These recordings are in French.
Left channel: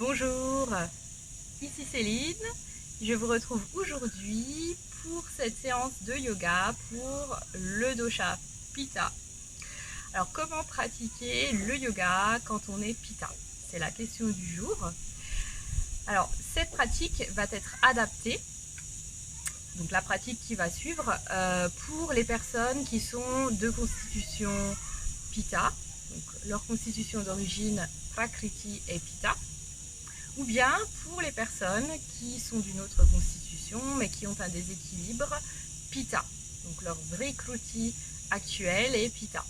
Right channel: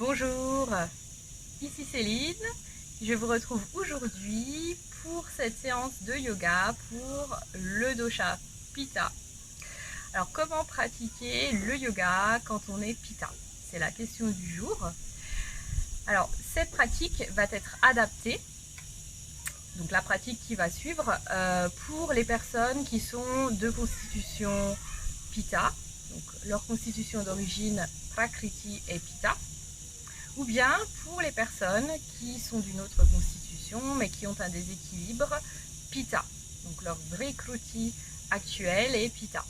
Bonjour, ici Céline. Je vous retrouve aujourd'hui pour cette séance de yoga pour le dosha Pitta. Alors comment pratiquer le yoga quand on est Pitta? C'est la question du jour. Alors cette pratique va être adaptée, donc la pratique qui va suivre, pour les personnes qui sont de constitution Pitta, donc leur constitution d'origine Prakriti et Pitta, ou bien pour les personnes qui sont d'une autre constitution mais qui ont un déséquilibre Pitta, donc leur Vrikruti actuel est Pitta.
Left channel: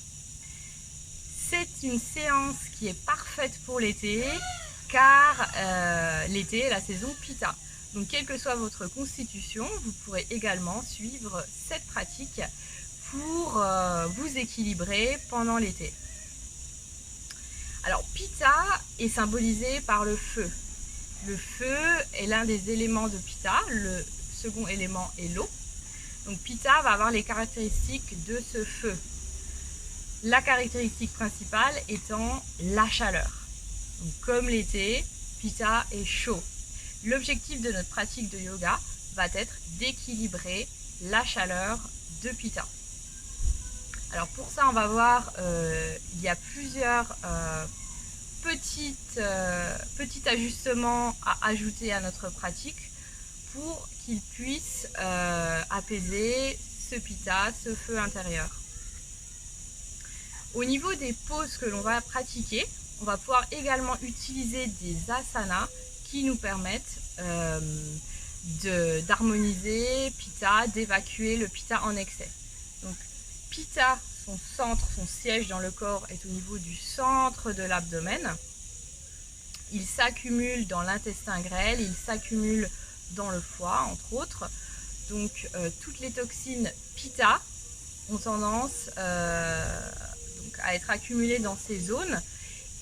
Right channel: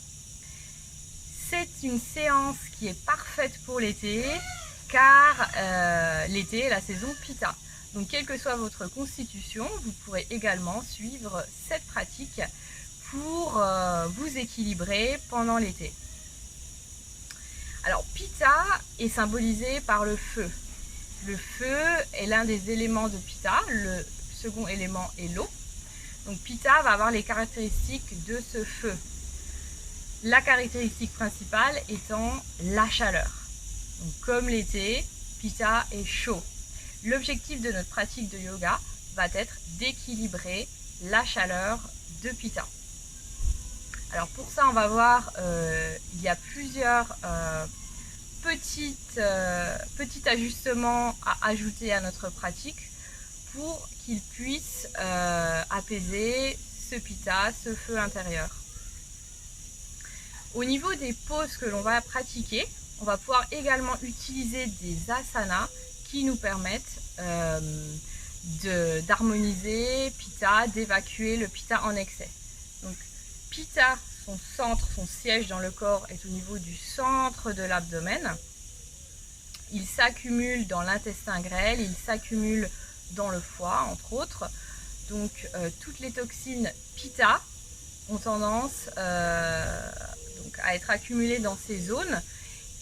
C'est une séance qui est parfaite pour l'été car l'été est la saison Pitta. Donc quelle que soit votre constitution, vous pourrez également suivre cette pratique pour vous équilibrer pendant l'été. Alors Pitta est symbolisé par le feu. Le feu est l'un des éléments de Pitta, le second élément est l'eau. Donc Pitta va avoir les caractéristiques de ce feu. La caractéristique principale étant la chaleur. Donc comme l'été, Pitta est chaud. L'objectif de notre pratique de yoga va être d'équilibrer la chaleur de Pitta. Alors pour ça, on va voir, il y a plusieurs petits ajustements à ajouter à notre pratique pour qu'il puisse apaiser ce Pitta, ce feu intérieur. Au niveau des poses que l'on va pratiquer, on va pouvoir également utiliser des asanas qui nous permettent d'harmoniser Pitta, d'évacuer le Pitta en excès. Donc Pitta, son centre, son siège dans le corps est au niveau du centre de l'abdomen. Il s'accumule dans l'intestin grêle, il s'accumule dans le foie, entre autres. Donc toutes les toxines Pitta ont tendance donc, à être accumulées dans ces zones.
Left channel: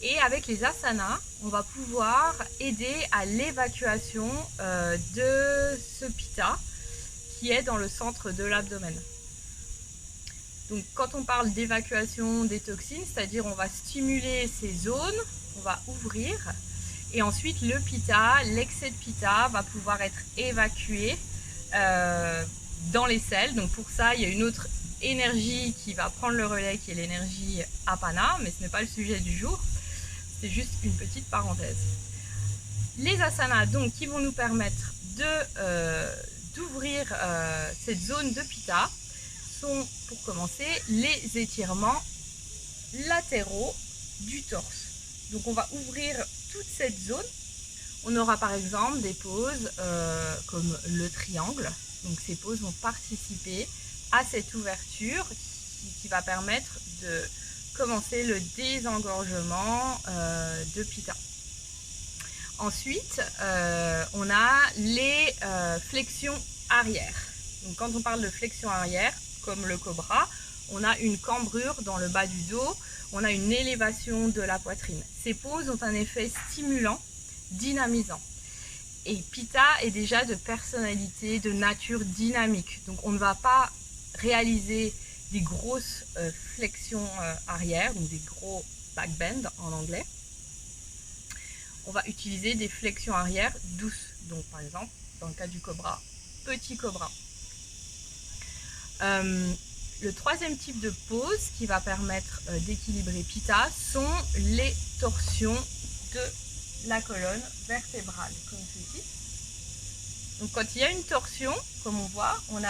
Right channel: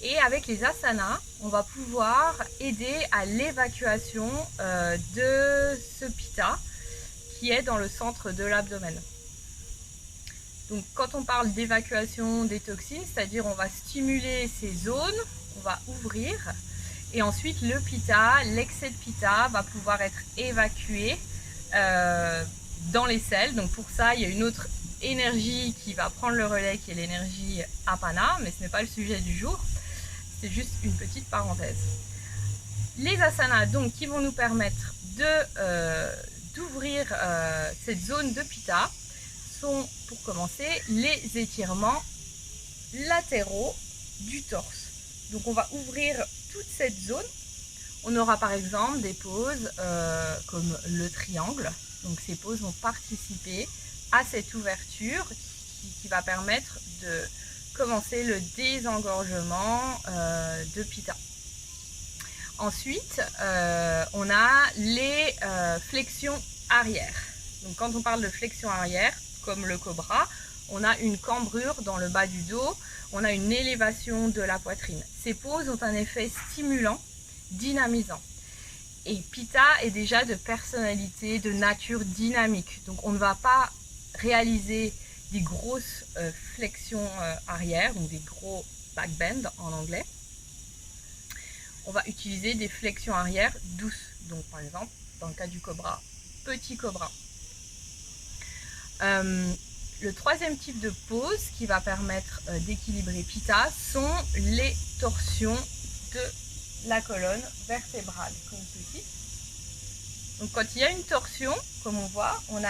Et avec les asanas, on va pouvoir aider à l'évacuation de ce Pitta qui est dans le centre de l'abdomen. Donc quand on parle d'évacuation des toxines, c'est-à-dire on va stimuler ces zones, on va ouvrir et ensuite le Pitta, l'excès de Pitta va pouvoir être évacué dans les selles. Donc pour ça, il y a une autre énergie qui va prendre le relais qui est l'énergie Apana, mais ce n'est pas le sujet du jour. C'est juste une petite parenthèse. Les asanas donc qui vont nous permettre d'ouvrir cette zone de Pitta sont, pour commencer, les étirements latéraux du torse. Donc on va ouvrir toute cette zone. On aura par exemple des poses comme le triangle. Donc ces poses vont participer à cette ouverture qui va permettre de commencer le désengorgement de Pitta. Ensuite, on a les flexions arrière. Donc quand on parle de flexion arrière, comme le cobra, on a une cambrure dans le bas du dos, on a une élévation de la poitrine. Ces poses ont un effet stimulant, dynamisant. Et Pitta est déjà de personnalité, de nature dynamique. Donc on ne va pas réaliser des grosses flexions arrière, donc des gros backbend en anglais. On va utiliser des flexions arrière douces. Donc par exemple, dans le cas du cobra, petit cobra. Le troisième type de pose qui va permettre d'équilibrer Pitta sont les torsions de la colonne vertébrale, comme ceci. Donc quand il y a une torsion, comme on voit, on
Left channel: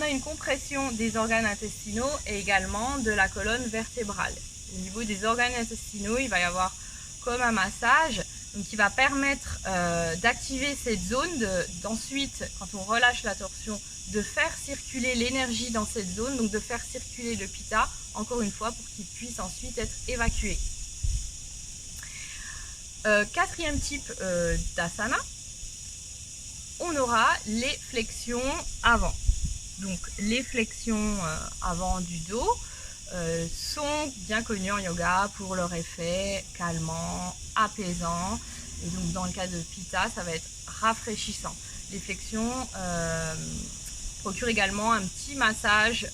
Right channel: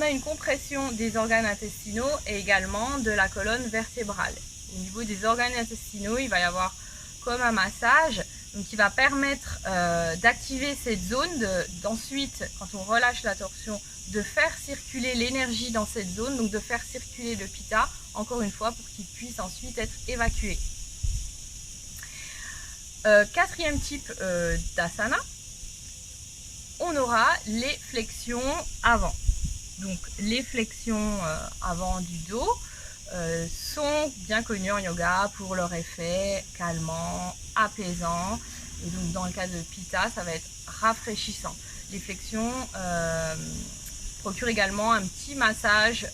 a une compression des organes intestinaux et également de la colonne vertébrale. Au niveau des organes intestinaux, il va y avoir comme un massage, donc qui va permettre d'activer cette zone, d'ensuite, quand on relâche la torsion, de faire circuler l'énergie dans cette zone, donc de faire circuler le Pitta, encore une fois, pour qu'il puisse ensuite être évacué. Quatrième type d'asana, on aura les flexions avant. Donc les flexions avant du dos sont bien connues en yoga pour leur effet calmant, apaisant. Et donc dans le cas de Pitta, ça va être rafraîchissant. Les flexions procurent également un petit massage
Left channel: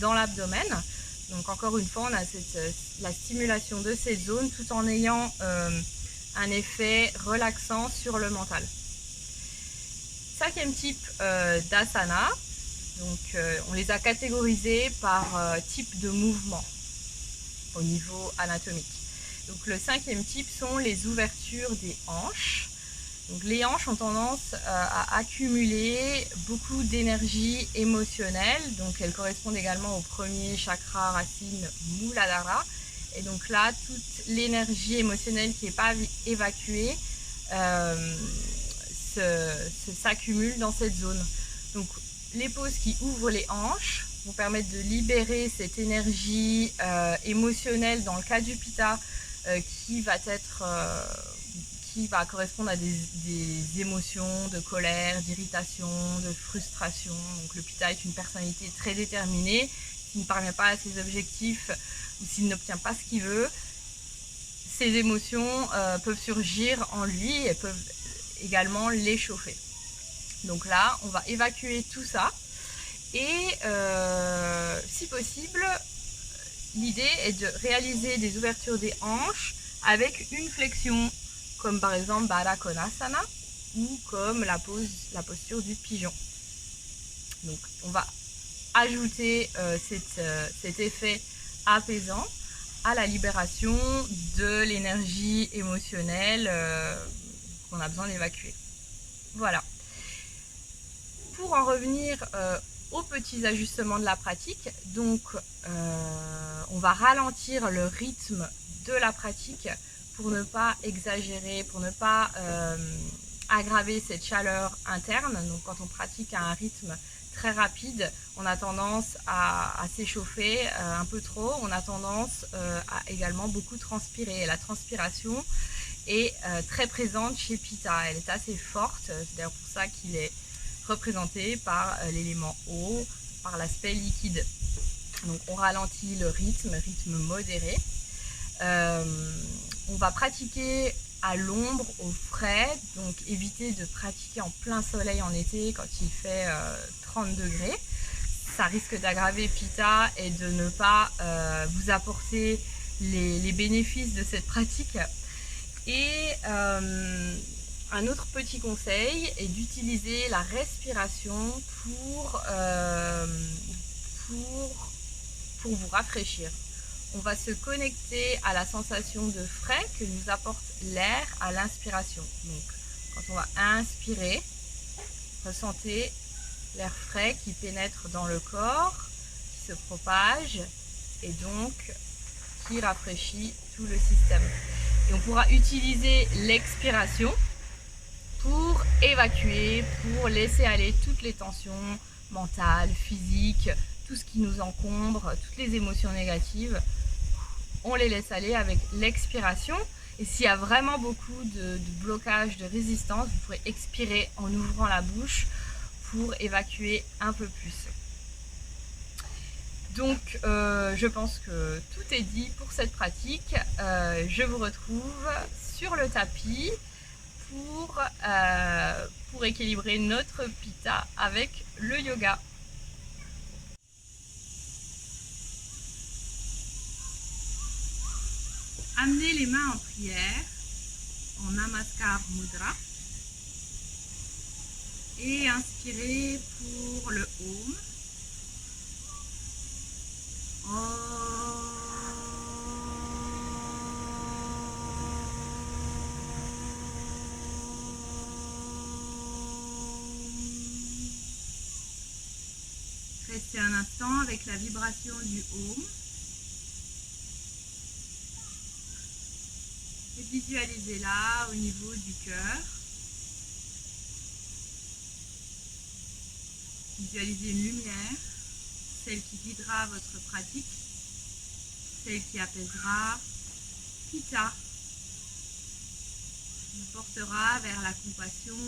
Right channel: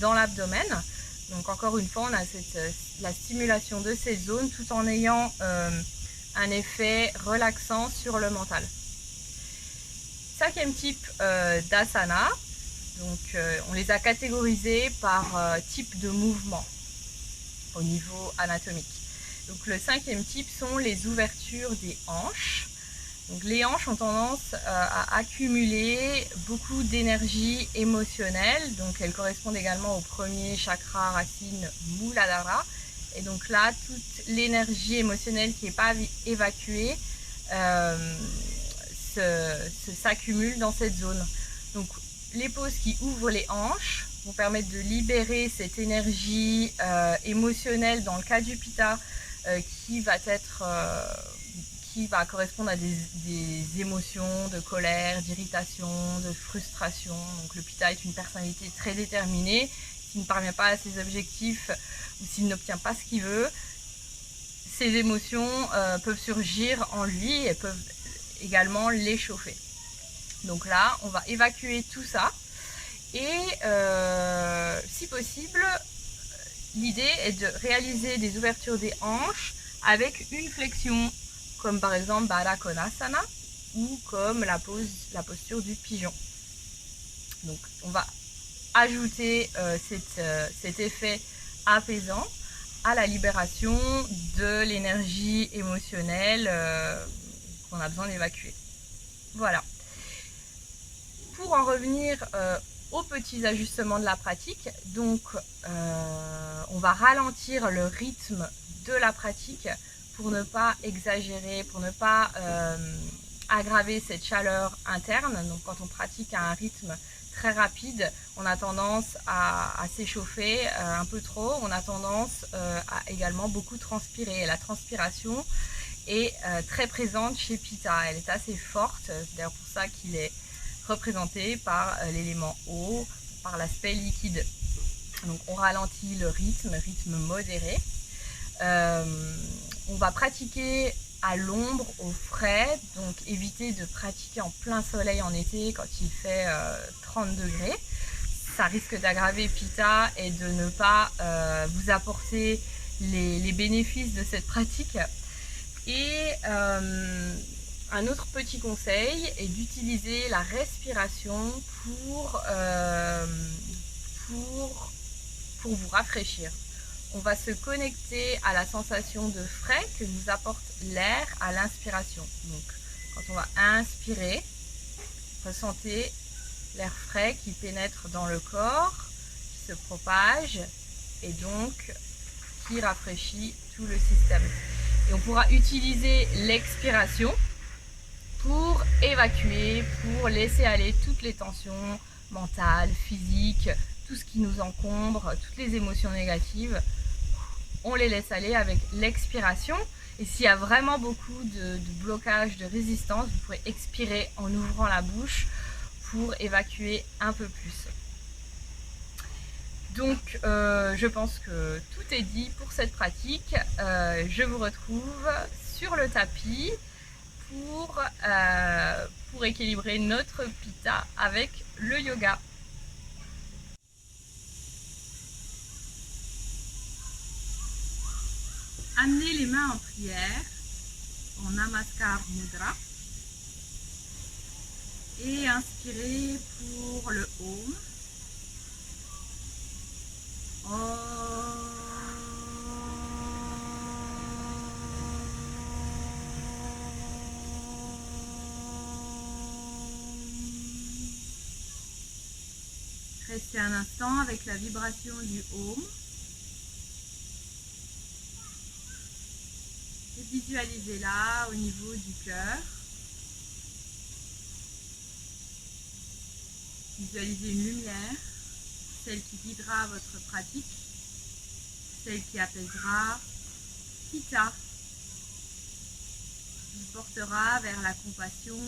dans l'abdomen. Donc encore une fois, on a la stimulation de ces zones tout en ayant un effet relaxant sur le mental. 5e type d'asana, donc on les a catégorisés par type de mouvement au niveau anatomique. Donc le 5e type sont les ouvertures des hanches. Donc les hanches ont tendance à accumuler beaucoup d'énergie émotionnelle, donc elles correspondent également au premier chakra racine Muladhara. Et donc là, toute l'énergie émotionnelle qui n'est pas évacuée s'accumule dans cette zone. Donc les poses qui ouvrent les hanches vont permettre de libérer cette énergie émotionnelle dans le cas du Pitta qui va correspondre à des émotions de colère, d'irritation, de frustration. Donc le Pitta est une personnalité très déterminée. S'il ne parvient pas à ses objectifs ou s'il n'obtient pas ce qu'il veut, ces émotions peuvent surgir en lui et peuvent également l'échauffer. Donc là, on va évacuer tout ça et si possible, l'idée est de réaliser des ouvertures des hanches avec une flexion, comme par exemple Baddha Konasana ou comme la posture du pigeon. Donc on va ajouter cet effet apaisant à la libération de l'énergie émotionnelle qu'on a besoin d'évacuer. Voilà. Pour en revenir aux petits ajustements de la pratique, donc on va ralentir le rythme de la pratique pour ne pas exagérer, pour ne pas aggraver cette chaleur interne. Donc quand on pratique à un rythme très rapide, on a tendance à s'échauffer un peu trop, on a tendance à également beaucoup transpirer. Et la transpiration est très présente chez Pitta, elle est assez forte, c'est d'ailleurs pour ça qu'il est représenté par l'élément eau, par l'aspect liquide. Donc on ralentit le rythme modéré. On va pratiquer à l'ombre, au frais, donc éviter de pratiquer en plein soleil en été quand il fait 30 degrés. Ça risque d'aggraver Pitta et de ne pas vous apporter les bénéfices de cette pratique. Et un autre petit conseil est d'utiliser la respiration pour vous rafraîchir. On va se connecter à la sensation de frais que nous apporte l'air à l'inspiration. Donc, quand on va inspirer, ressentez l'air frais qui pénètre dans le corps, qui se propage et donc qui rafraîchit tout le système. Et on pourra utiliser l'expiration pour évacuer, pour laisser aller toutes les tensions mentales, physiques, tout ce qui nous encombre, toutes les émotions négatives. On les laisse aller avec l'expiration. Et s'il y a vraiment beaucoup de blocage, de résistance, vous pourrez expirer en ouvrant la bouche pour évacuer un peu plus. Donc je pense que tout est dit pour cette pratique. Je vous retrouve sur le tapis pour équilibrer notre Pitta avec le yoga. Amenez les mains en prière, en Namaskar Mudra. Et inspirez pour le Om. Restez un instant avec la vibration du Om. Et visualisez-la au niveau du cœur. Visualisez une lumière, celle qui guidera votre pratique, celle qui apaisera Pitta, vous portera vers la compassion,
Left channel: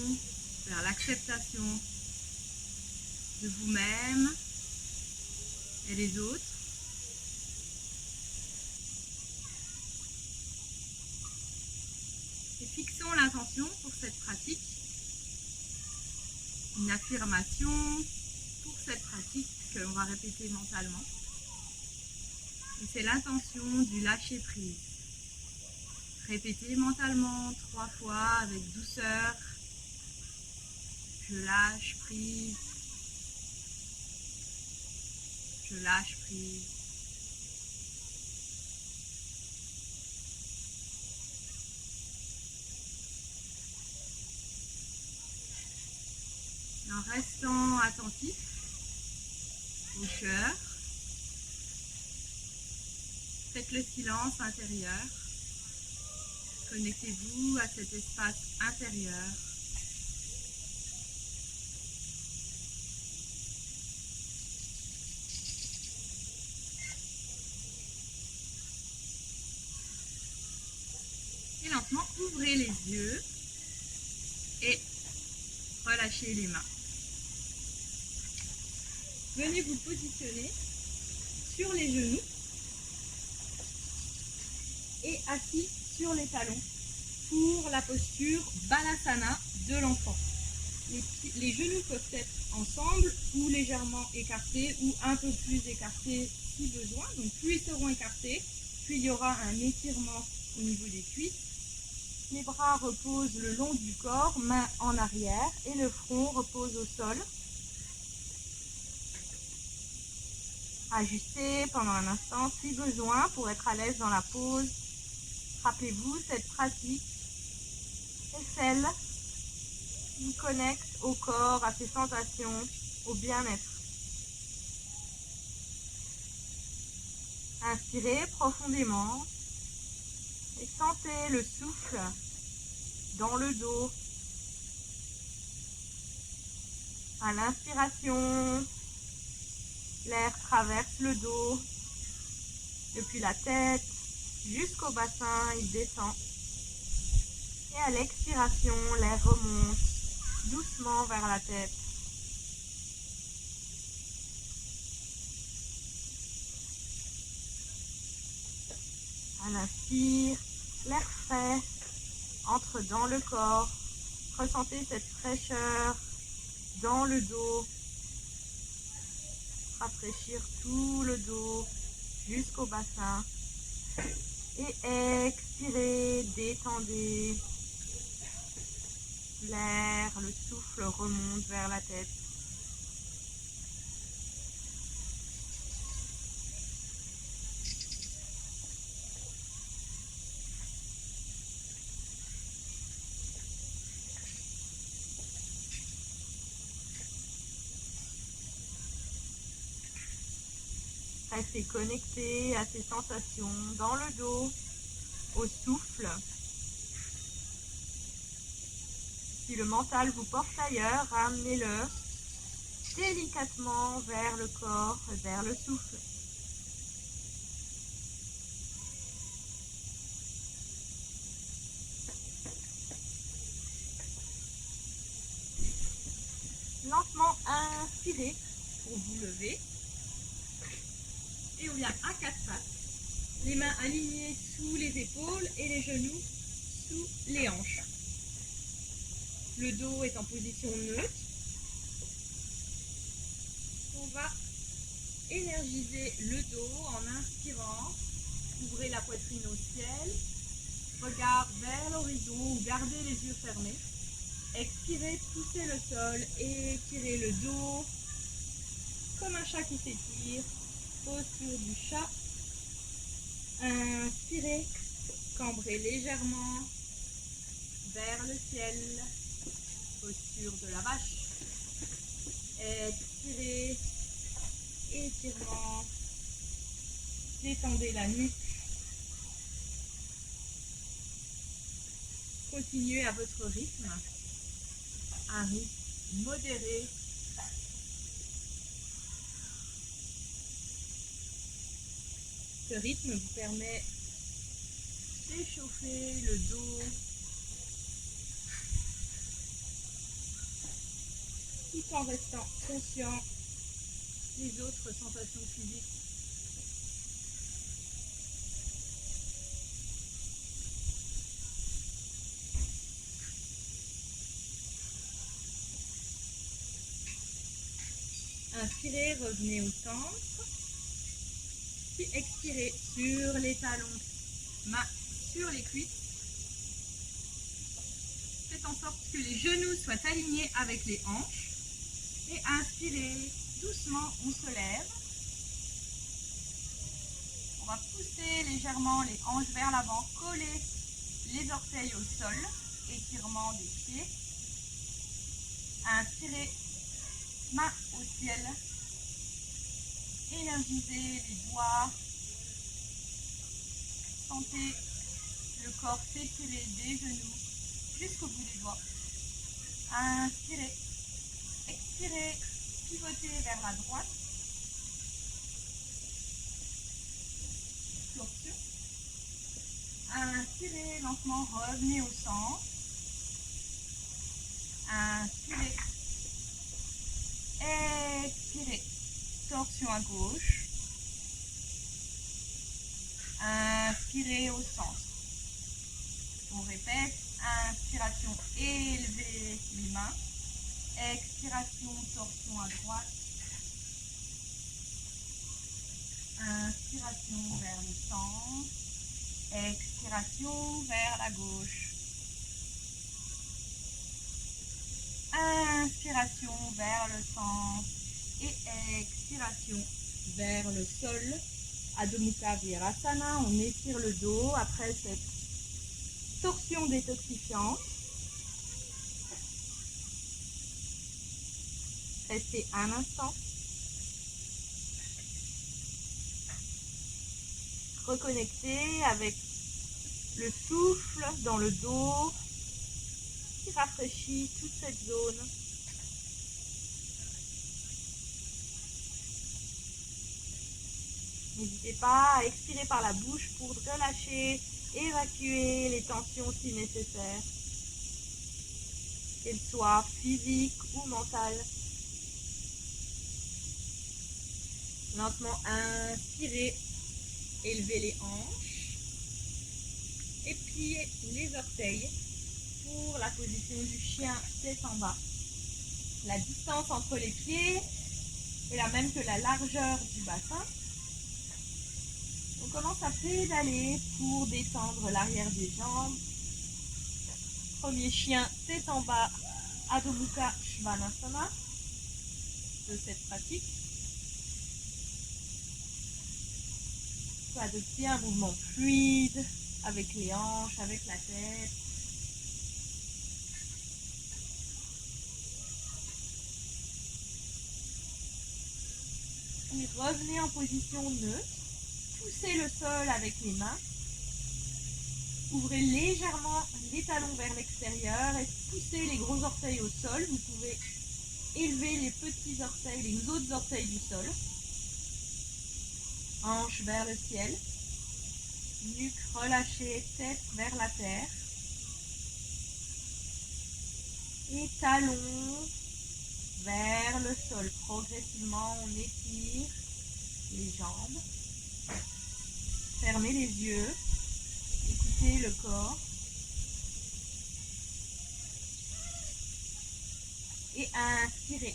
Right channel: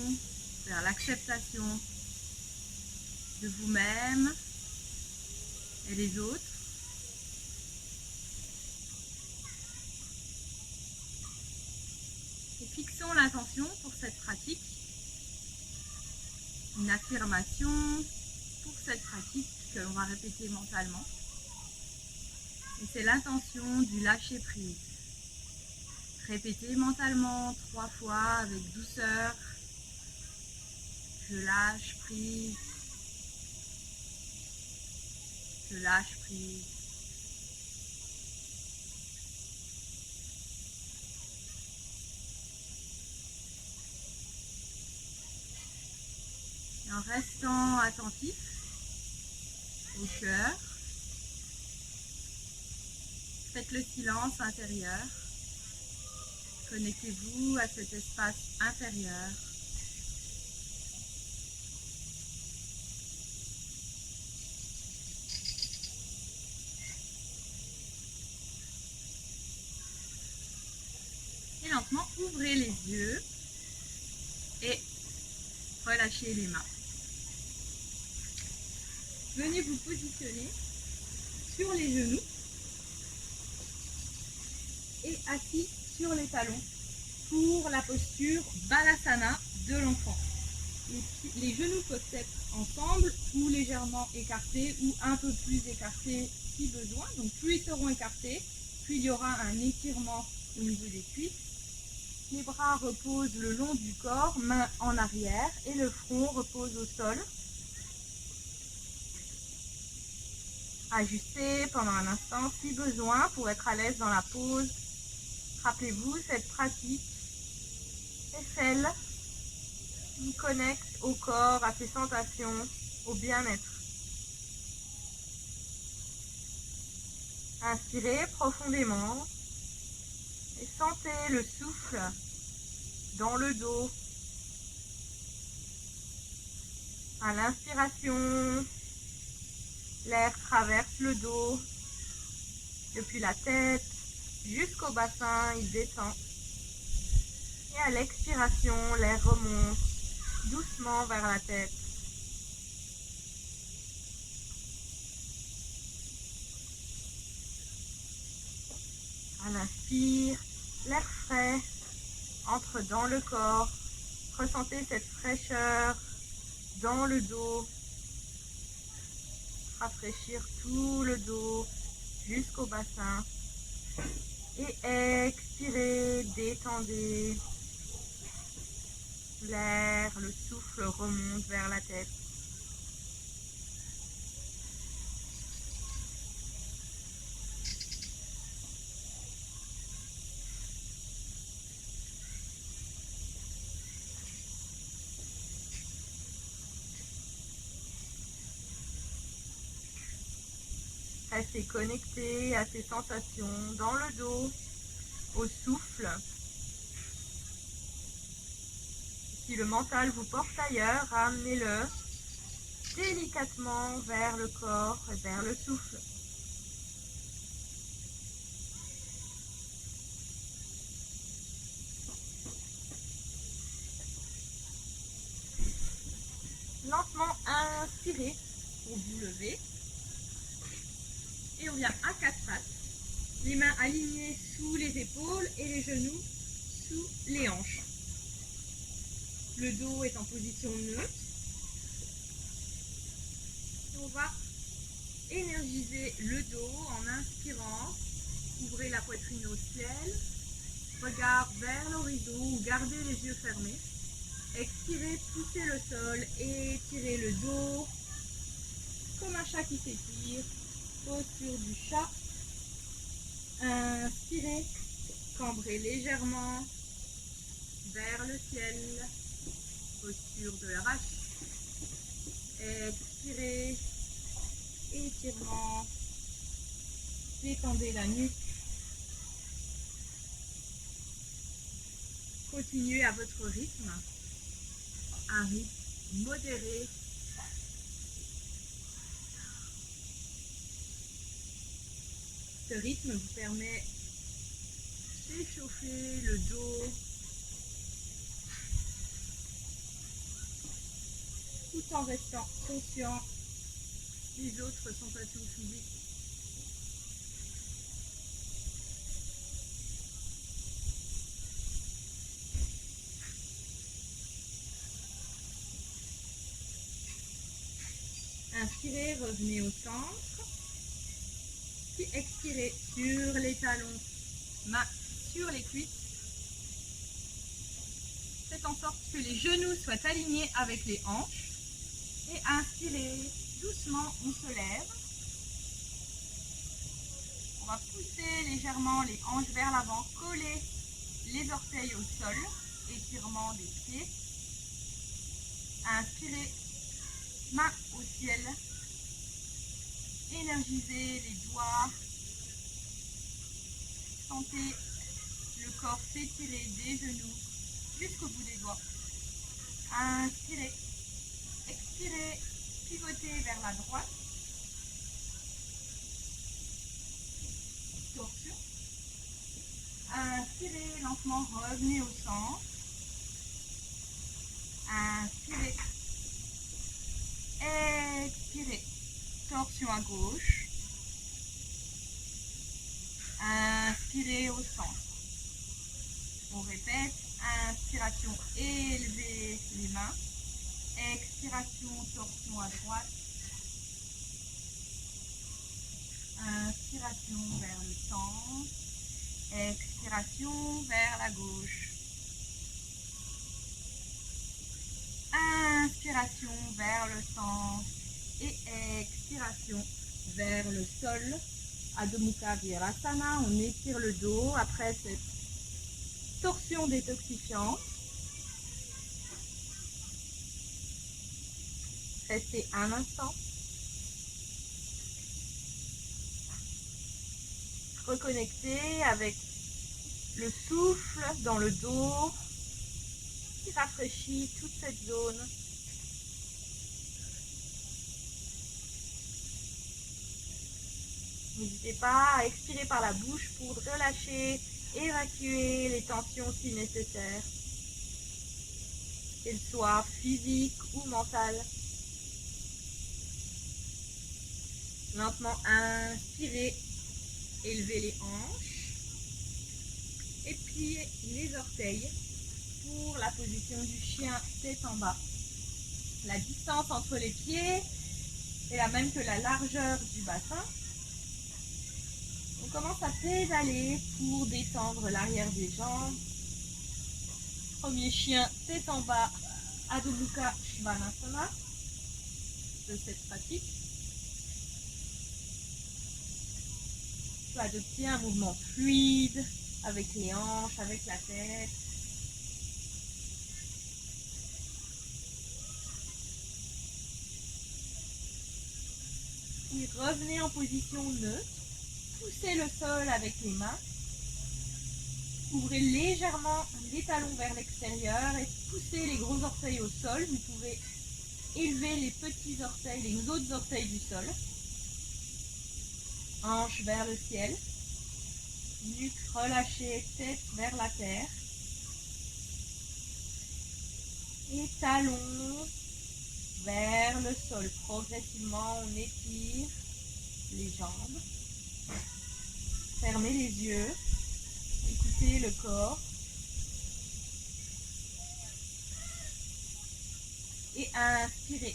vers l'acceptation de vous-même et les autres. Et fixons l'attention pour cette pratique, une affirmation pour cette pratique que l'on va répéter mentalement. Et c'est l'intention du lâcher prise. Répétez mentalement 3 fois avec douceur. Je lâche prise. Je lâche prise. Et en restant attentif au cœur, faites le silence intérieur. Connectez-vous à cet espace intérieur. Et lentement, ouvrez les yeux et relâchez les mains. Venez vous positionner sur les genoux et assis sur les talons pour la posture Balasana de l'enfant. Les genoux peuvent être ensemble ou légèrement écartés ou un peu plus écartés si besoin. Donc plus ils seront écartés, plus il y aura un étirement au niveau des cuisses. Les bras reposent le long du corps, mains en arrière et le front repose au sol. Ajustez pendant un instant si besoin pour être à l'aise dans la pose. Rappelez-vous, cette pratique est celle qui connecte au corps, à ses sensations, au bien-être. Inspirez profondément et sentez le souffle dans le dos. À l'inspiration, l'air traverse le dos, depuis la tête jusqu'au bassin, il descend. Et à l'expiration, l'air remonte doucement vers la tête. À l'inspire, l'air frais entre dans le corps. Ressentez cette fraîcheur dans le dos. Rafraîchir tout le dos jusqu'au bassin. Et expirez, détendez. L'air, le souffle remonte vers la tête. Restez connecté à ces sensations dans le dos, au souffle. Si le mental vous porte ailleurs, ramenez-le délicatement vers le corps, vers le souffle. Lentement inspirez pour vous lever. Et on vient à quatre pattes. Les mains alignées sous les épaules et les genoux sous les hanches. Le dos est en position neutre. On va énergiser le dos en inspirant. Ouvrez la poitrine au ciel. Regard vers l'horizon ou gardez les yeux fermés. Expirez, poussez le sol et étirez le dos comme un chat qui s'étire. Posture du chat. Inspirez, cambrez légèrement vers le ciel. Posture de la vache. Expirez, étirement. Détendez la nuque. Continuez à votre rythme. Un rythme modéré. Ce rythme vous permet d'échauffer le dos tout en restant conscient des autres sensations physiques. Inspirez, revenez au centre. Puis expirez sur les talons, mains sur les cuisses. faites en sorte que les genoux soient alignés avec les hanches. Et inspirez, doucement, on se lève. On va pousser légèrement les hanches vers l'avant, coller les orteils au sol, étirement des pieds. Inspirez, main au ciel. Énergisez les doigts. Sentez le corps s'étirer des genoux jusqu'au bout des doigts. Inspirez, expirez, pivotez vers la droite. Torsion. Inspirez lentement, revenez au centre. Inspirez. Expirez. Torsion à gauche. Inspirez au centre. On répète. Inspiration, élevez les mains. Expiration, torsion à droite. Inspiration vers le centre. Expiration vers la gauche. Inspiration vers le centre et expiration vers le sol. Adho Mukha Virasana, on étire le dos après cette torsion détoxifiante. Restez un instant. Reconnectez avec le souffle dans le dos qui rafraîchit toute cette zone. N'hésitez pas à expirer par la bouche pour relâcher, évacuer les tensions si nécessaire, qu'elles soient physiques ou mentales. Lentement inspirez, élevez les hanches et pliez les orteils pour la position du chien tête en bas. La distance entre les pieds est la même que la largeur du bassin. On commence à pédaler pour descendre l'arrière des jambes. Premier chien tête en bas, Adho Mukha Svanasana de cette pratique. On peut adopter un mouvement fluide avec les hanches, avec la tête. Et revenez en position neutre. Poussez le sol avec les mains. Ouvrez légèrement les talons vers l'extérieur et poussez les gros orteils au sol. Vous pouvez élever les petits orteils, les autres orteils du sol. Hanches vers le ciel. Nuque relâchée, tête vers la terre. Et talons vers le sol. Progressivement, on étire les jambes. Fermez les yeux. Écoutez le corps. Et inspirez.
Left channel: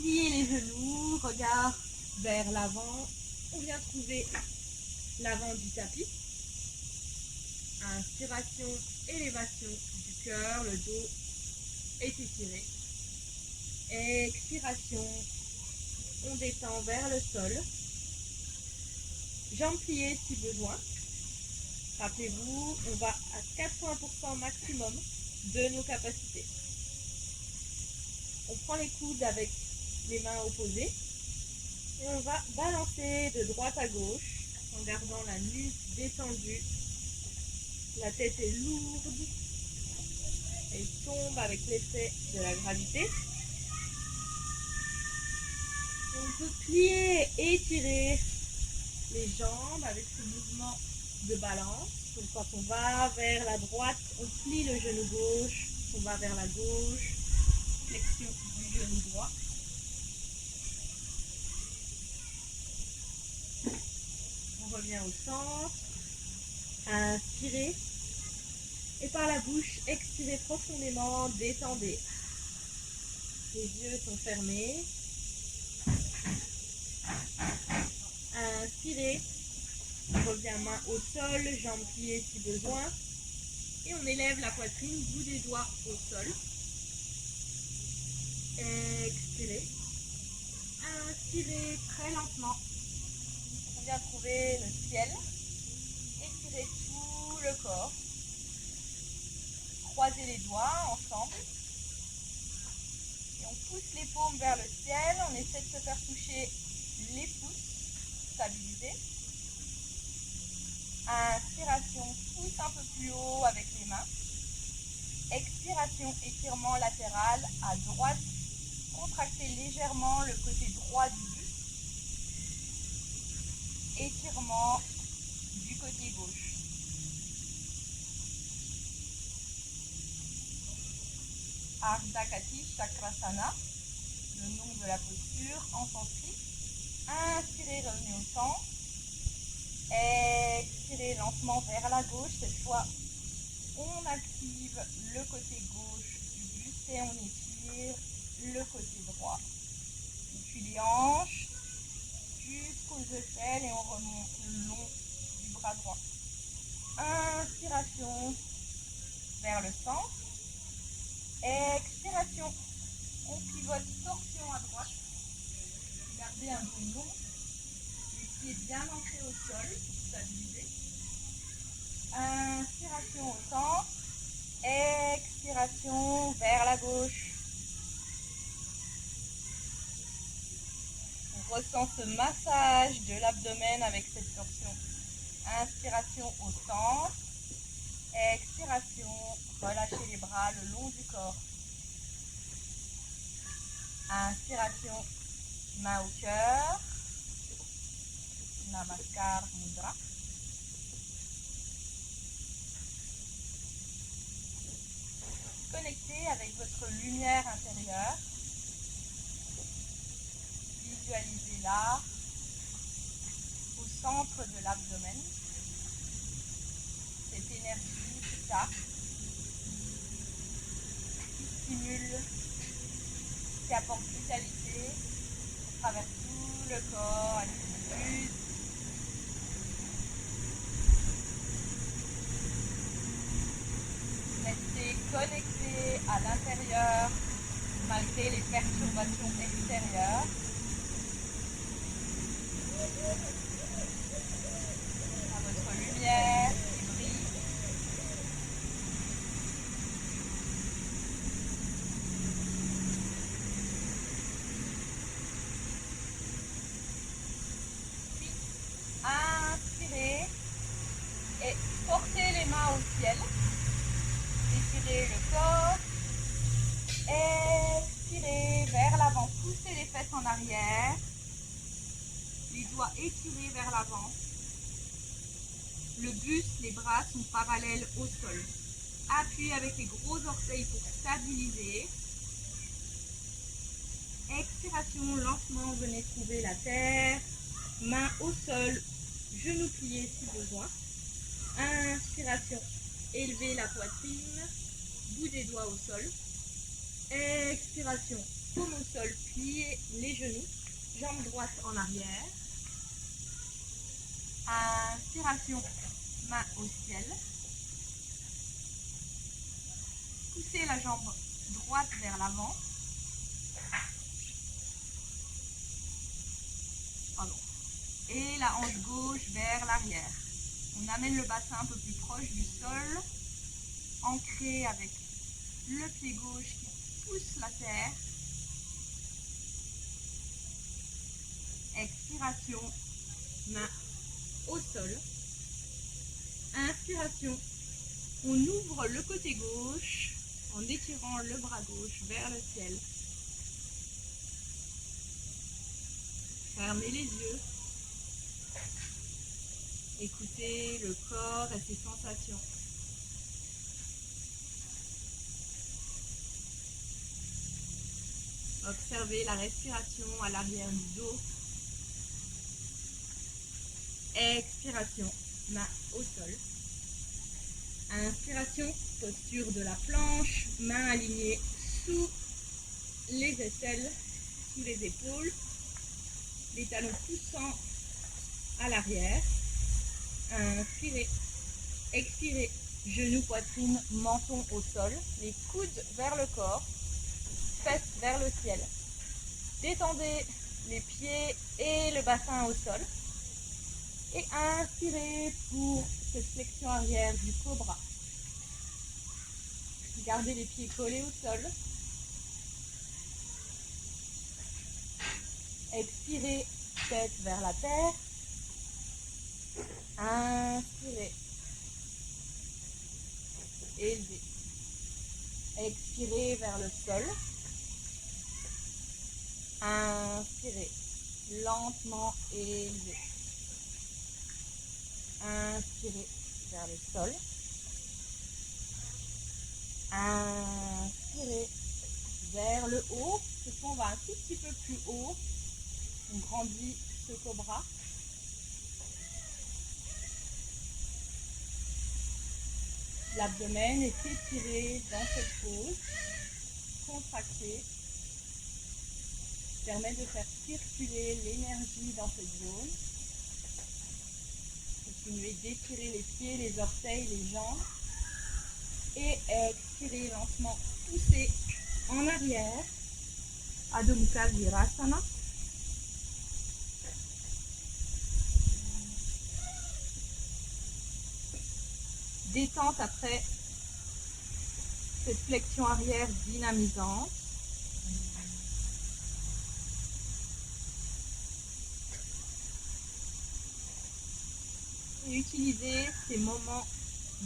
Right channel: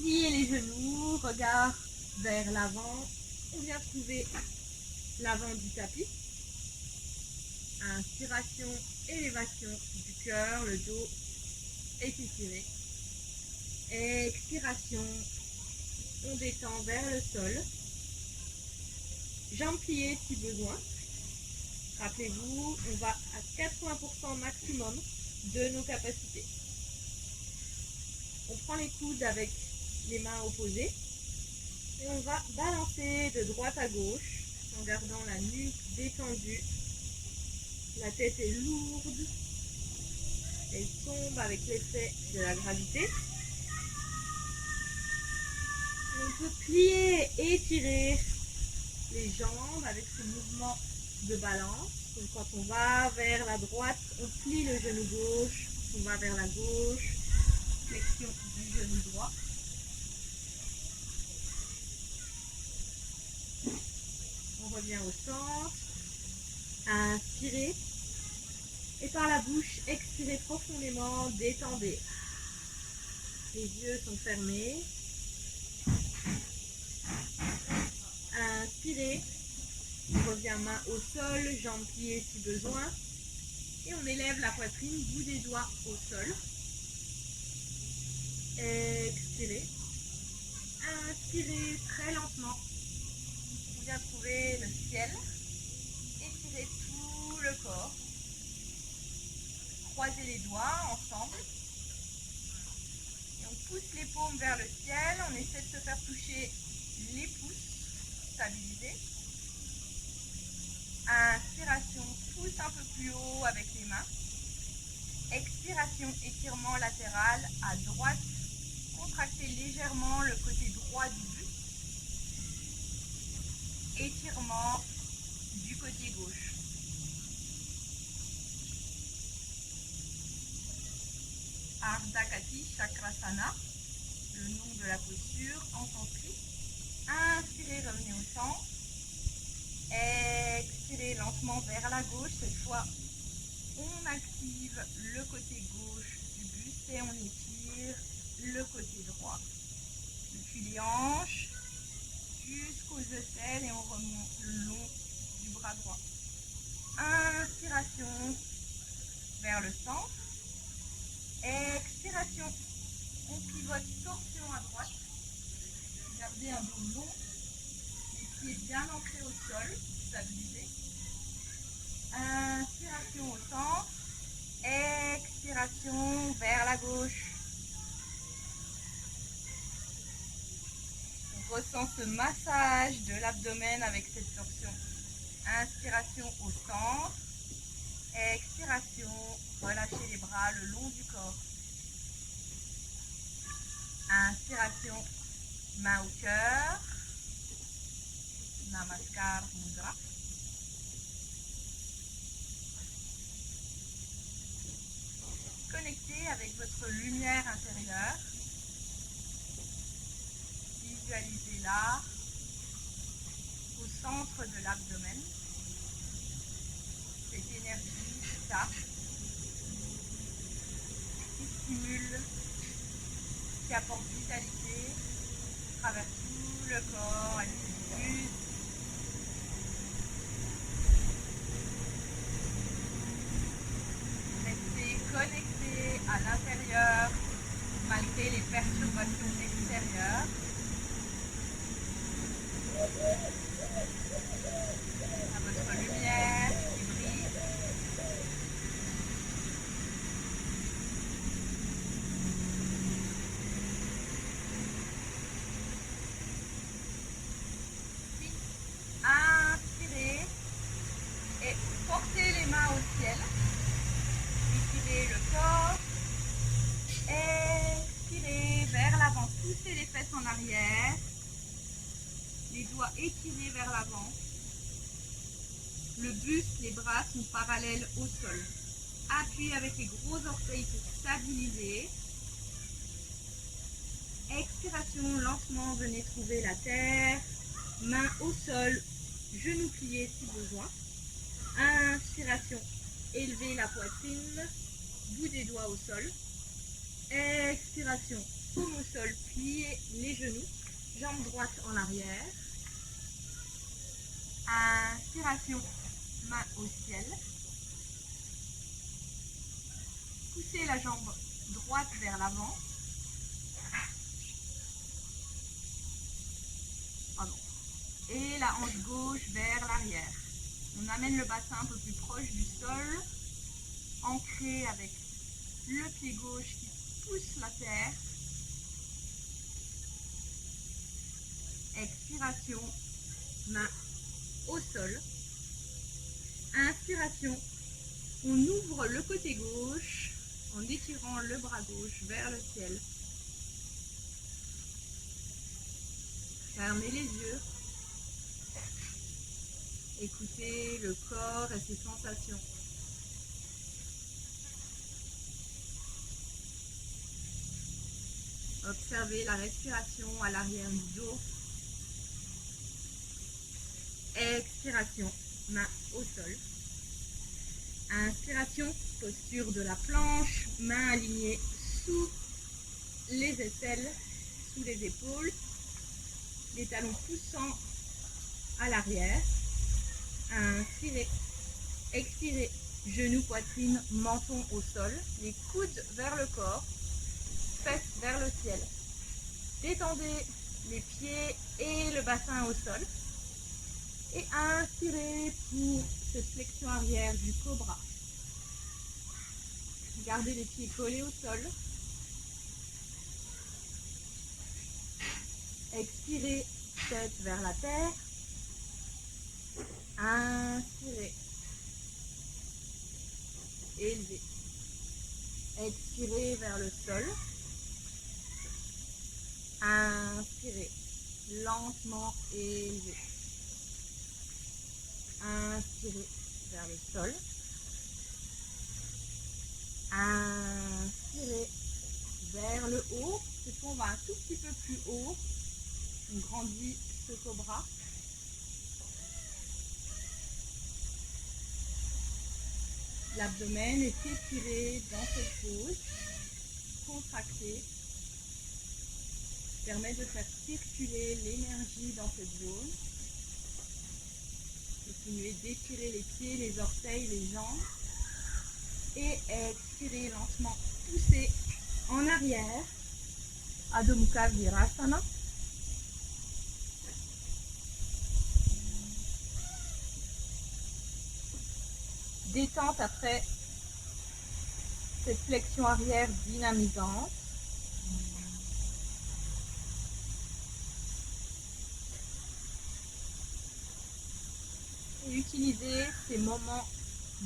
Pliez les genoux, regard vers l'avant. On vient trouver l'avant du tapis. Inspiration, élévation du cœur, le dos est étiré. Expiration, on détend vers le sol. Jambes pliées si besoin. Rappelez-vous, on va à 80% maximum de nos capacités. On prend les coudes avec les mains opposées et on va balancer de droite à gauche en gardant la nuque détendue. La tête est lourde, elle tombe avec l'effet de la gravité. Et on peut plier et étirer les jambes avec ce mouvement de balance. Donc quand on va vers la droite, on plie le genou gauche, on va vers la gauche, flexion du genou droit. On revient au centre, inspirez et par la bouche, expirez profondément, détendez. Les yeux sont fermés. Inspirez, on revient main au sol, jambes pliées si besoin. Et on élève la poitrine, bout des doigts au sol. Expirez. Inspirez très lentement. On vient trouver le ciel. Étirez tout le corps. Croisez les doigts ensemble. Et on pousse les paumes vers le ciel. On essaie de se faire toucher les pouces. Stabilisés. Inspiration, pousse un peu plus haut avec les mains. Expiration, étirement latéral à droite. Contractez légèrement le côté droit du buste. Étirement du côté gauche. Ardha Kati Chakrasana, le nom de la posture en sanskrit. Inspirez, revenez au centre. Expirez lentement vers la gauche. Cette fois, on active le côté gauche du buste et on étire le côté droit. Depuis les hanches jusqu'aux aisselles et on remonte le long du bras droit. Inspiration vers le centre. Expiration. On pivote torsion à droite. Gardez un dos long. Les pieds bien ancrés au sol. Stabilisé. Inspiration au centre. Expiration vers la gauche. On ressent ce massage de l'abdomen avec cette torsion. Inspiration au centre. Expiration. Relâchez les bras le long du corps. Inspiration. Main au cœur. Namaskar Mudra. Connectez avec votre lumière intérieure. Visualisez-la au centre de l'abdomen. Cette énergie, ça, qui stimule, qui apporte vitalité, qui traverse tout le corps, elle diffuse. Restez connecté à l'intérieur malgré les perturbations extérieures. À votre lumière qui brille. Puis, inspirez et portez les mains au ciel. Étirez le corps. Expirez vers l'avant. Poussez les fesses en arrière. Les doigts étirés vers l'avant. Le buste, les bras sont parallèles au sol. Appuyez avec les gros orteils pour stabiliser. Expiration, lentement, venez trouver la terre. Main au sol, genoux pliés si besoin. Inspiration, élevez la poitrine, bout des doigts au sol. Expiration, paume au sol, pliez les genoux, jambes droites en arrière. Inspiration, main au ciel. Poussez la jambe droite vers l'avant. Et la hanche gauche vers l'arrière. On amène le bassin un peu plus proche du sol, ancré avec le pied gauche qui pousse la terre. Expiration, main au sol. Inspiration, on ouvre le côté gauche en étirant le bras gauche vers le ciel. Fermez les yeux. Écoutez le corps et ses sensations. Observez la respiration à l'arrière du dos. Expiration, main au sol. Inspiration, posture de la planche, main alignée sous les aisselles, sous les épaules, les talons poussant à l'arrière. Inspirez, expirez, genoux, poitrine, menton au sol, les coudes vers le corps, fesses vers le ciel. Détendez les pieds et le bassin au sol. Et inspirez pour cette flexion arrière du cobra. Gardez les pieds collés au sol. Expirez, tête vers la terre. Inspirez. Élevez. Expirez vers le sol. Inspirez. Lentement élevez. Inspirez vers le sol. Inspirez vers le haut. On va un tout petit peu plus haut. On grandit ce cobra. L'abdomen est étiré dans cette pose. Contracté. Permet de faire circuler l'énergie dans cette zone. Continuez d'étirer les pieds, les orteils, les jambes. Et expirez lentement. Poussez en arrière. Adho Mukha Virasana. Détente après cette flexion arrière dynamisante. Et utilisez ces moments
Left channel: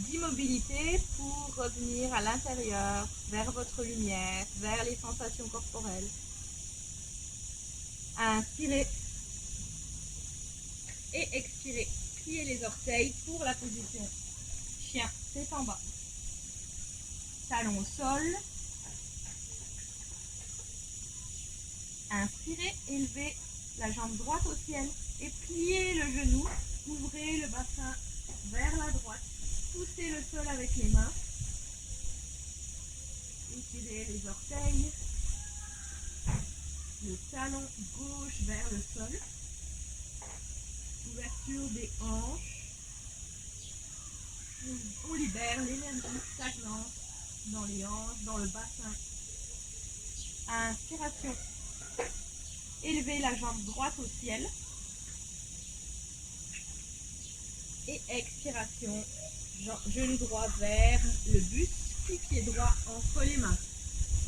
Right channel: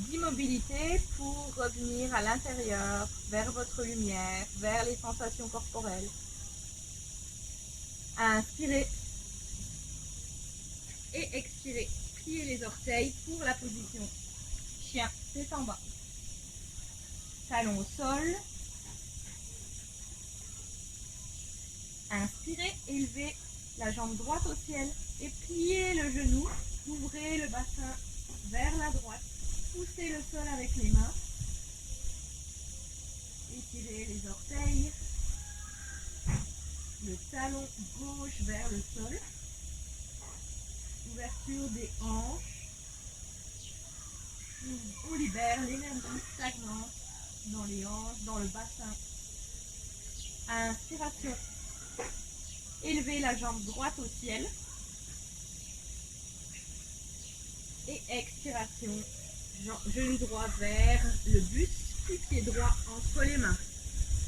d'immobilité pour revenir à l'intérieur, vers votre lumière, vers les sensations corporelles. Inspirez et expirez. Pliez les orteils pour la position chien, tête en bas. Talons au sol. Inspirez, élevez la jambe droite au ciel et pliez le genou. Ouvrez le bassin vers la droite. Poussez le sol avec les mains. Étirez les orteils. Le talon gauche vers le sol. Ouverture des hanches. On libère l'énergie stagnante dans les hanches, dans le bassin. Inspiration. Élevez la jambe droite au ciel. Et expiration. Genou droit vers le buste. Puis pied droit entre les mains.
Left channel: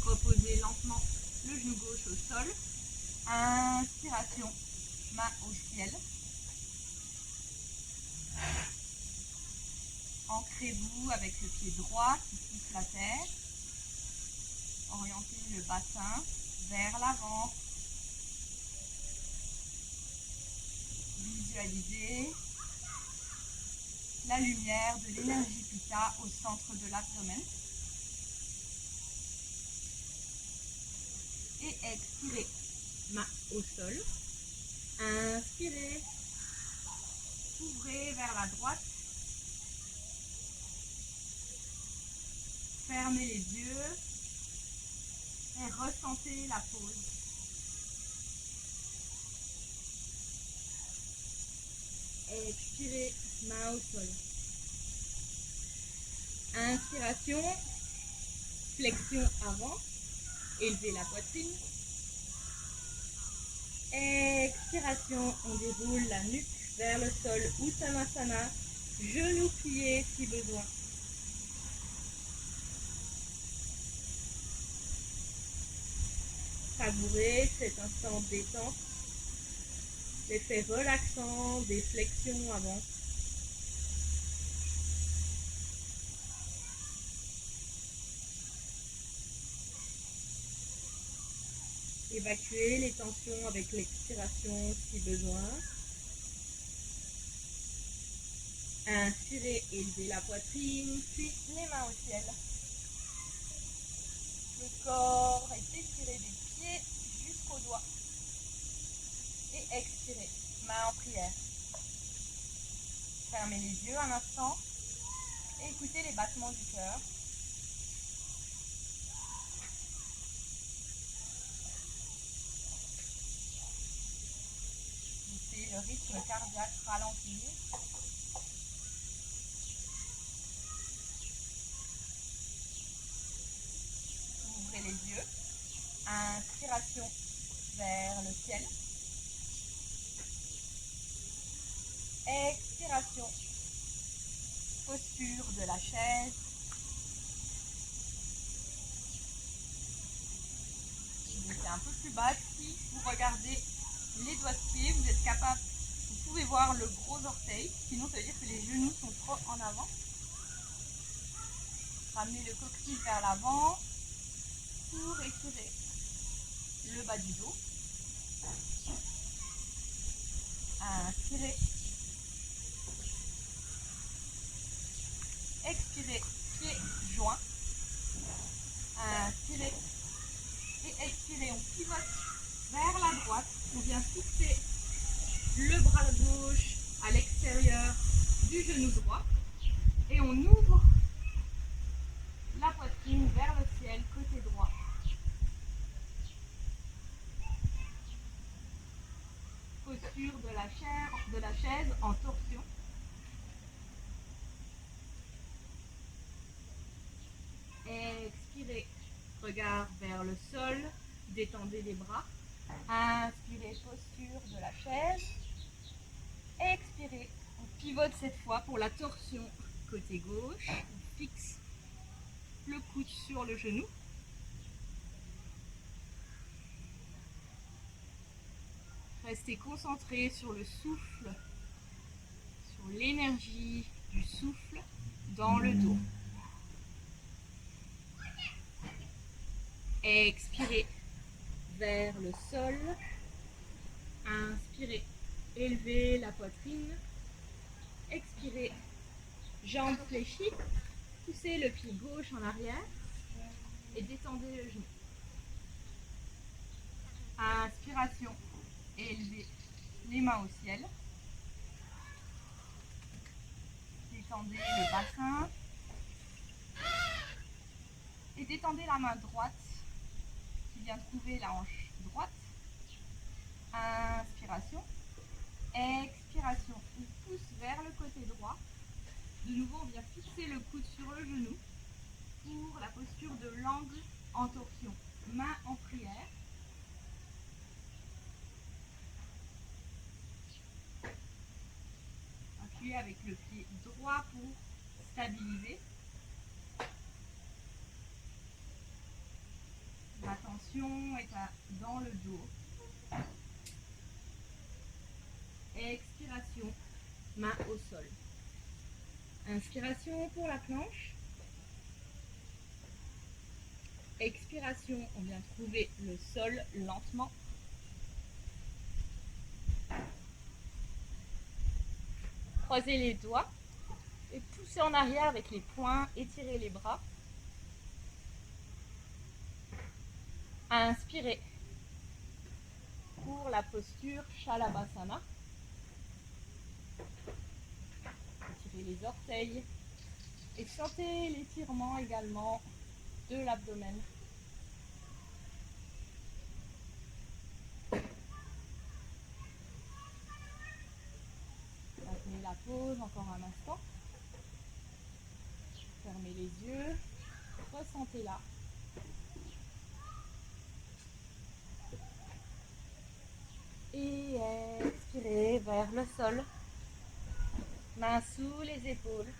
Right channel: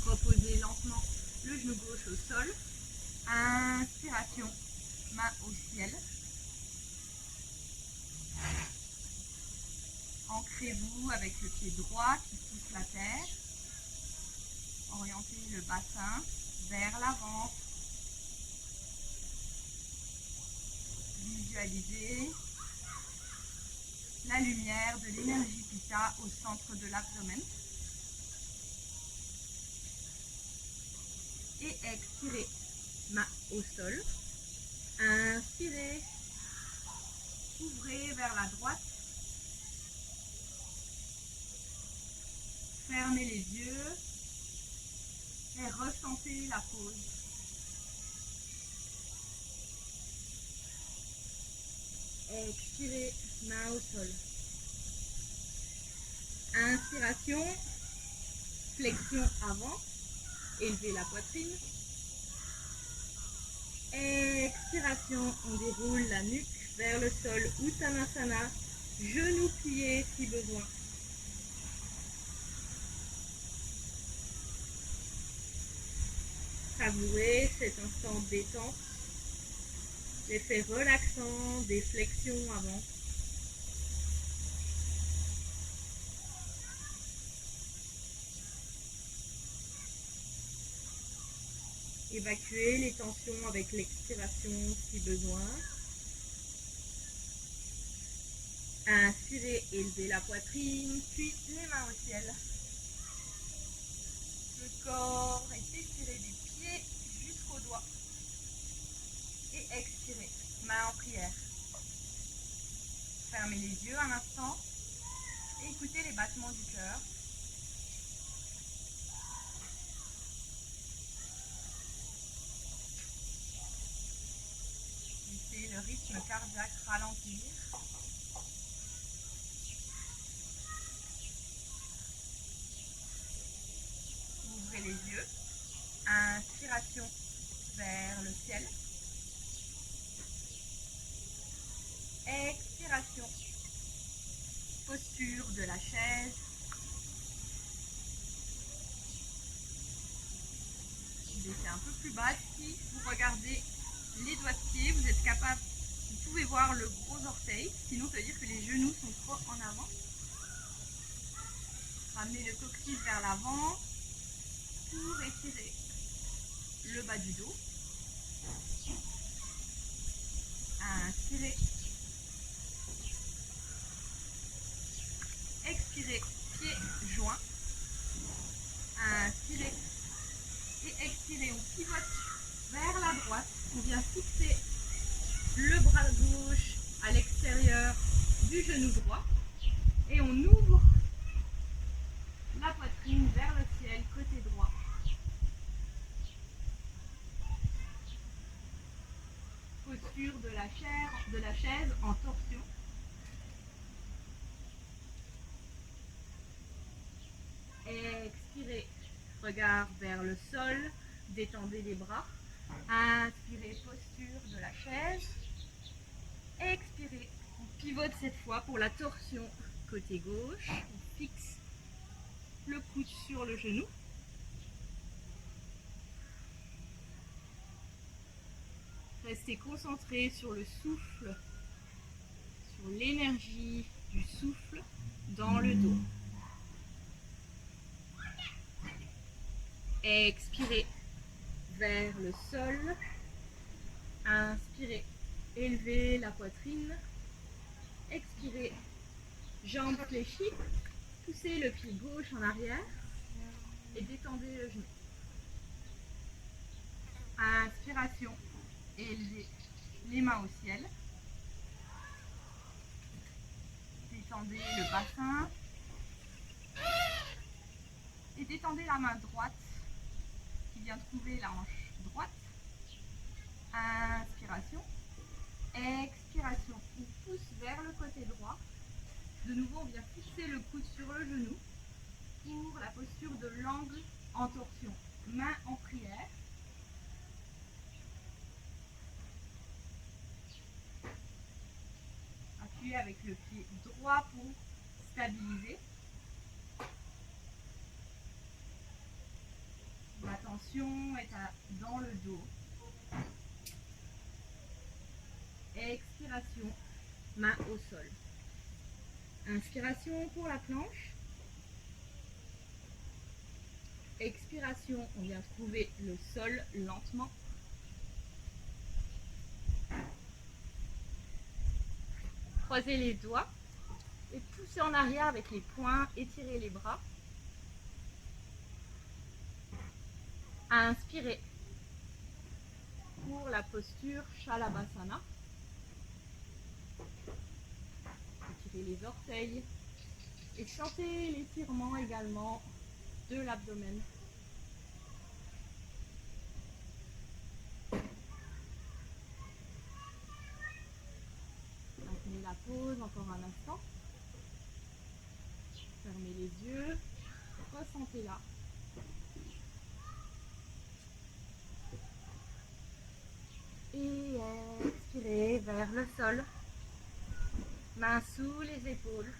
Reposez lentement le genou gauche au sol. Inspiration. Main au ciel. Ancrez-vous avec le pied droit qui pousse la terre. Orientez le bassin vers l'avant. Visualisez la lumière de l'énergie Pitta au centre de l'abdomen. Et expirez, main au sol. Inspirez, ouvrez vers la droite. Fermez les yeux et ressentez la pause. Expirez, main au sol. Inspiration, flexion avant, élevez la poitrine. Expiration, on déroule la nuque vers le sol, Uttanasana, genoux pliés si besoin. Savourez cet instant détente, l'effet relaxant des flexions avant. Évacuez les tensions avec l'expiration si besoin. Inspirez, élevez la poitrine, puis les mains au ciel. Le corps est étiré des pieds jusqu'aux doigts. Et expirez, main en prière. Fermez les yeux un instant et écoutez les battements du cœur. Laissez le rythme cardiaque ralentir. posture de la chaise. Vous laissez un peu plus bas. Si vous regardez les doigts de pied, vous êtes capable, vous pouvez voir le gros orteil, sinon ça veut dire que les genoux sont trop en avant. Ramenez le coccyx vers l'avant pour étirer le bas du dos. Inspirez. Expirez, pieds joints. Inspirez et expirez, on pivote vers la droite. On vient fixer le bras gauche à l'extérieur du genou droit et on ouvre la poitrine vers le ciel côté droit. Posture de la chaise en torsion. Expirez, regard vers le sol, détendez les bras. Inspirez, posture de la chaise. Expirez, on pivote cette fois pour la torsion côté gauche. On fixe le coude sur le genou. Restez concentré sur le souffle, sur l'énergie du souffle dans le dos. Expirez vers le sol. Inspirez, élevez la poitrine. Expirez, jambes fléchies. Poussez le pied gauche en arrière et détendez le genou. Inspiration, élevez les mains au ciel. Détendez le bassin. Et détendez la main droite qui vient trouver la hanche droite. Inspiration. Expiration. On pousse vers le côté droit. De nouveau, on vient fixer le coude sur le genou pour la posture de l'angle en torsion. Main en prière. Appuyez avec le pied droit pour stabiliser. L'attention est dans le dos. Expiration, main au sol. Inspiration pour la planche. Expiration, on vient trouver le sol lentement. Croisez les doigts et poussez en arrière avec les poings, étirez les bras. Inspirez pour la posture Shalabhasana. Étirez les orteils et sentez l'étirement également de l'abdomen. Maintenez la pause encore un instant. Fermez les yeux, ressentez-la. Et expirez vers le sol. Mains sous les épaules.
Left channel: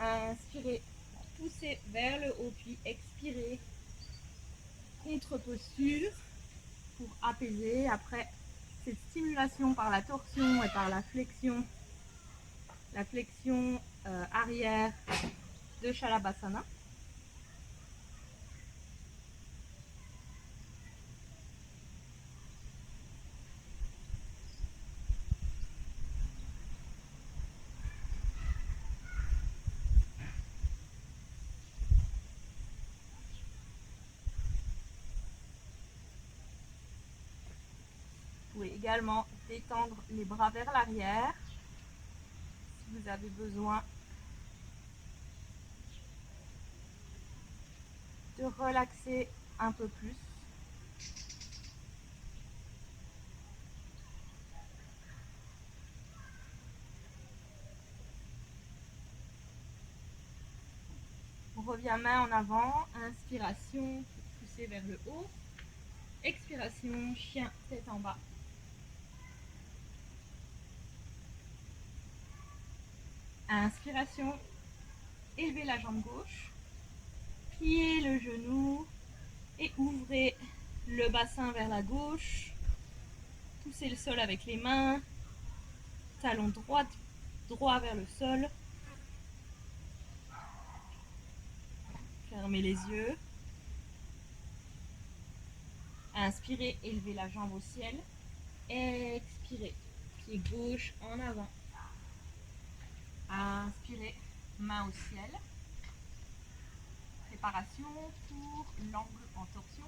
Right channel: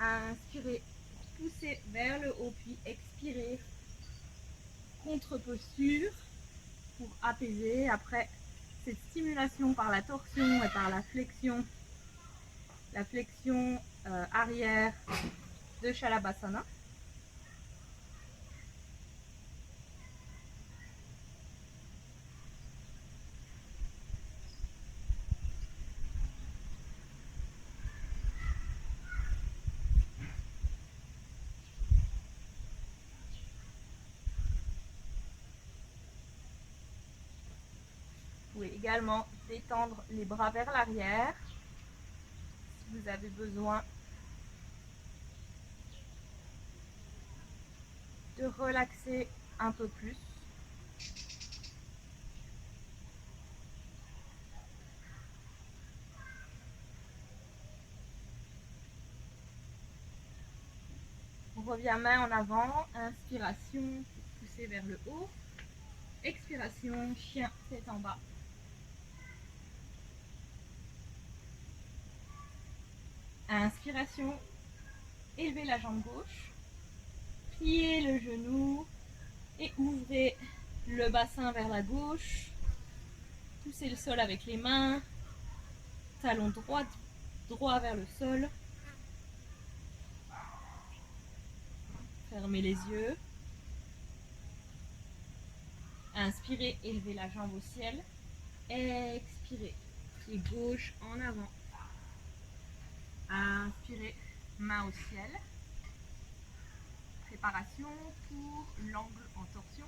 Inspirez, poussez vers le haut, puis expirez. Contre-posture pour apaiser après cette stimulation par la torsion et par la flexion arrière de Shalabhasana. Vous pouvez également détendre les bras vers l'arrière si vous avez besoin de relaxer un peu plus. On revient main en avant, inspiration, poussez vers le haut. Expiration, chien, tête en bas. Inspiration, élevez la jambe gauche, pliez le genou et ouvrez le bassin vers la gauche. Poussez le sol avec les mains, talon droit vers le sol. Fermez les yeux. Inspirez, élevez la jambe au ciel. Expirez, pied gauche en avant. Inspirez, main au ciel. Préparation pour l'angle en torsion.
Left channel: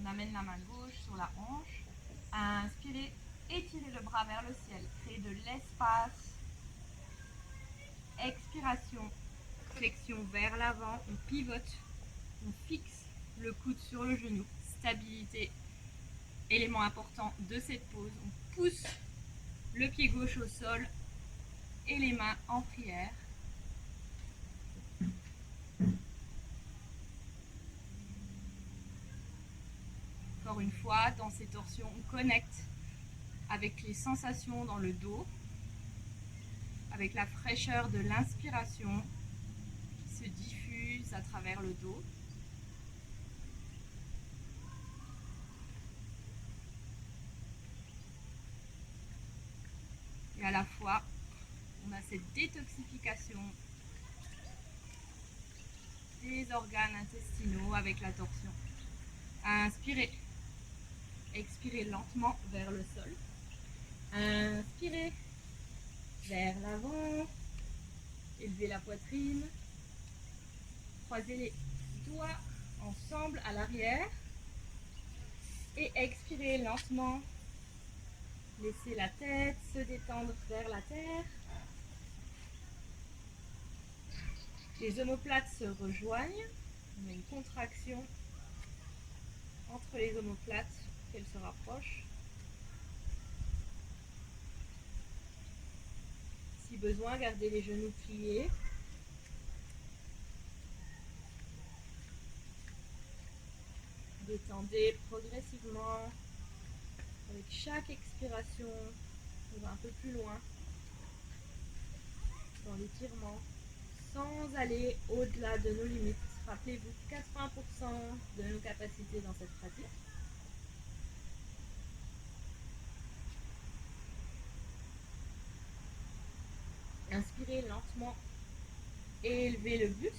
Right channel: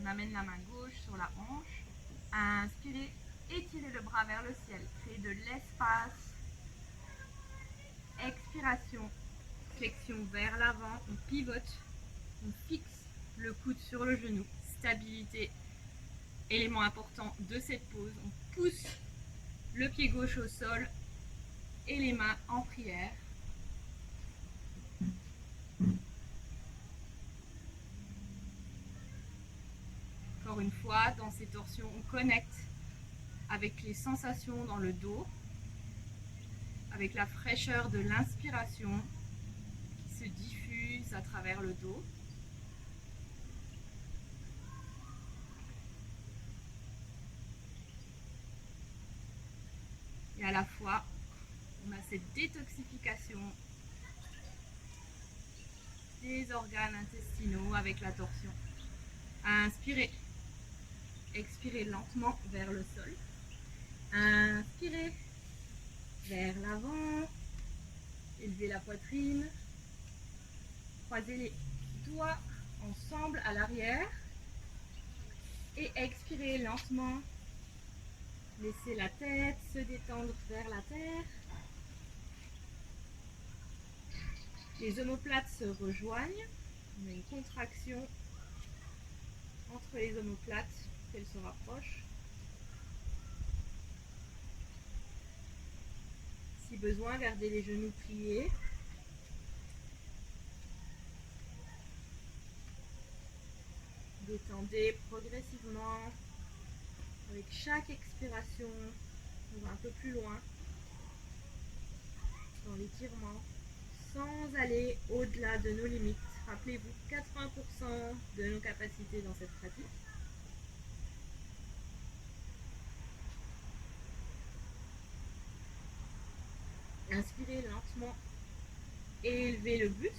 On amène la main gauche sur la hanche. Inspirez, étirez le bras vers le ciel. Créez de l'espace. Expiration, flexion vers l'avant. On pivote, on fixe le coude sur le genou. Stabilité, élément important de cette pause. On pousse le pied gauche au sol et les mains en prière. Encore une fois, dans ces torsions, on connecte avec les sensations dans le dos, avec la fraîcheur de l'inspiration qui se diffuse à travers le dos. Et à la fois, on a cette détoxification des organes intestinaux avec la torsion. Inspirez. Expirez lentement vers le sol. Inspirez vers l'avant. Élevez la poitrine. Croisez les doigts ensemble à l'arrière. Et expirez lentement. Laissez la tête se détendre vers la terre. Les omoplates se rejoignent. On a une contraction entre les omoplates, qu'elles se rapprochent. Si besoin, gardez les genoux pliés. Détendez progressivement avec chaque expiration pour un peu plus loin dans l'étirement sans aller au-delà de nos limites. Rappelez-vous 80% de nos capacités dans cette pratique. Inspirez lentement, élevez le buste,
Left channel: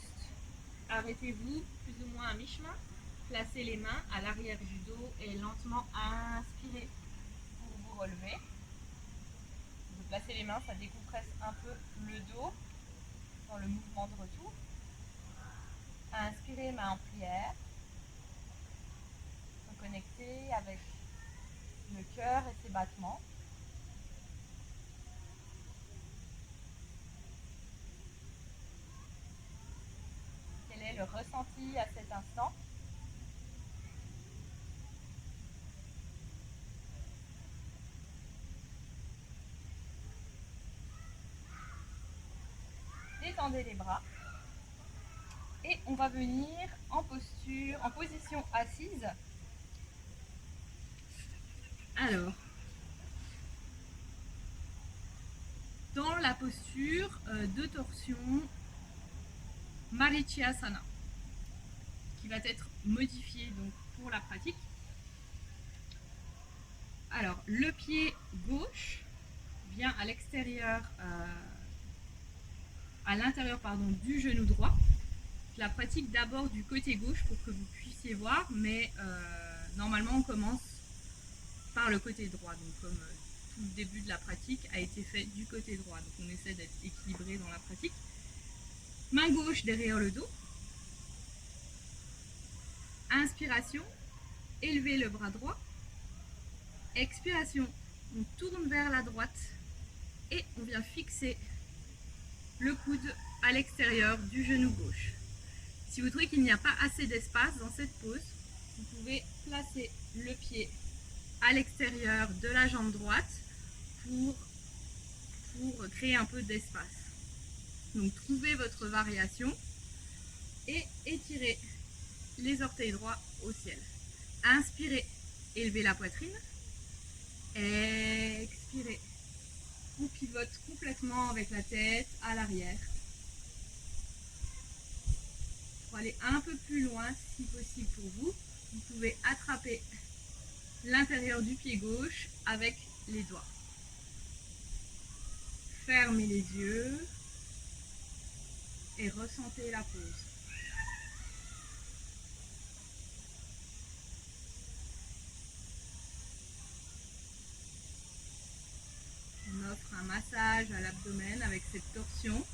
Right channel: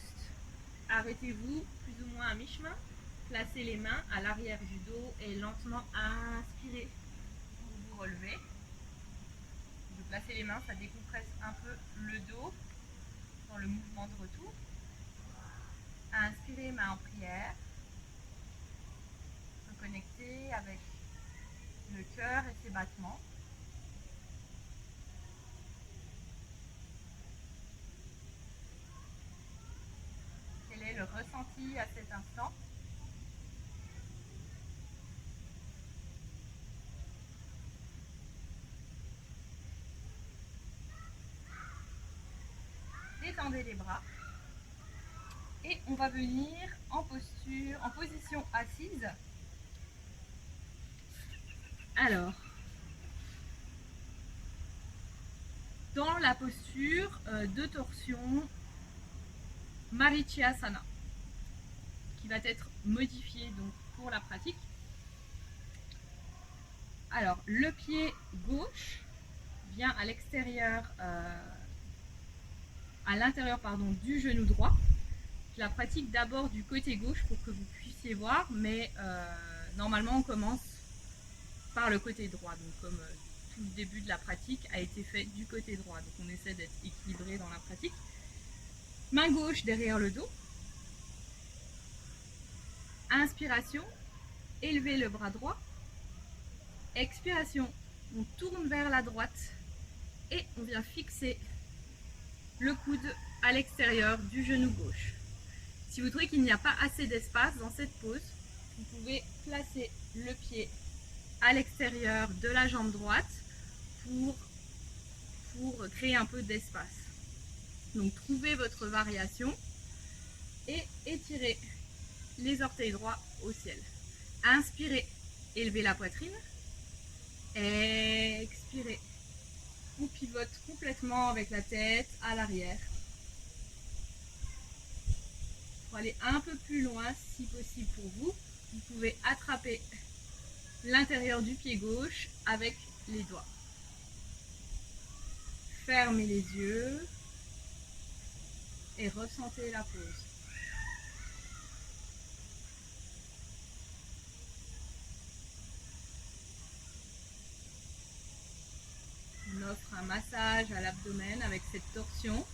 arrêtez-vous plus ou moins à mi-chemin, placez les mains à l'arrière du dos et lentement inspirez pour vous relever. Vous placez les mains, ça décompresse un peu le dos dans le mouvement de retour. Inspirez, main en prière, reconnectez avec le cœur et ses battements. Quel est le ressenti à cet instant? Détendez les bras et on va venir en position assise. Alors, dans la posture de torsion Marichyasana, qui va être modifiée donc pour la pratique. Alors, le pied gauche vient à l'extérieur, à l'intérieur du genou droit. Je la pratique d'abord du côté gauche pour que vous puissiez voir, mais normalement on commence par le côté droit. Donc comme tout le début de la pratique a été fait du côté droit. Donc on essaie d'être équilibré dans la pratique. Main gauche derrière le dos. Inspiration, élevez le bras droit. Expiration, on tourne vers la droite et on vient fixer le coude à l'extérieur du genou gauche. Si vous trouvez qu'il n'y a pas assez d'espace dans cette pose, vous pouvez placer le pied à l'extérieur de la jambe droite pour créer un peu d'espace. Donc trouvez votre variation et étirez les orteils droits au ciel. Inspirez, élevez la poitrine. Expirez, on pivote flotte complètement avec la tête à l'arrière. Pour aller un peu plus loin, si possible pour vous, vous pouvez attraper l'intérieur du pied gauche avec les doigts. Fermez les yeux et ressentez la pause. On offre un massage à l'abdomen avec cette torsion.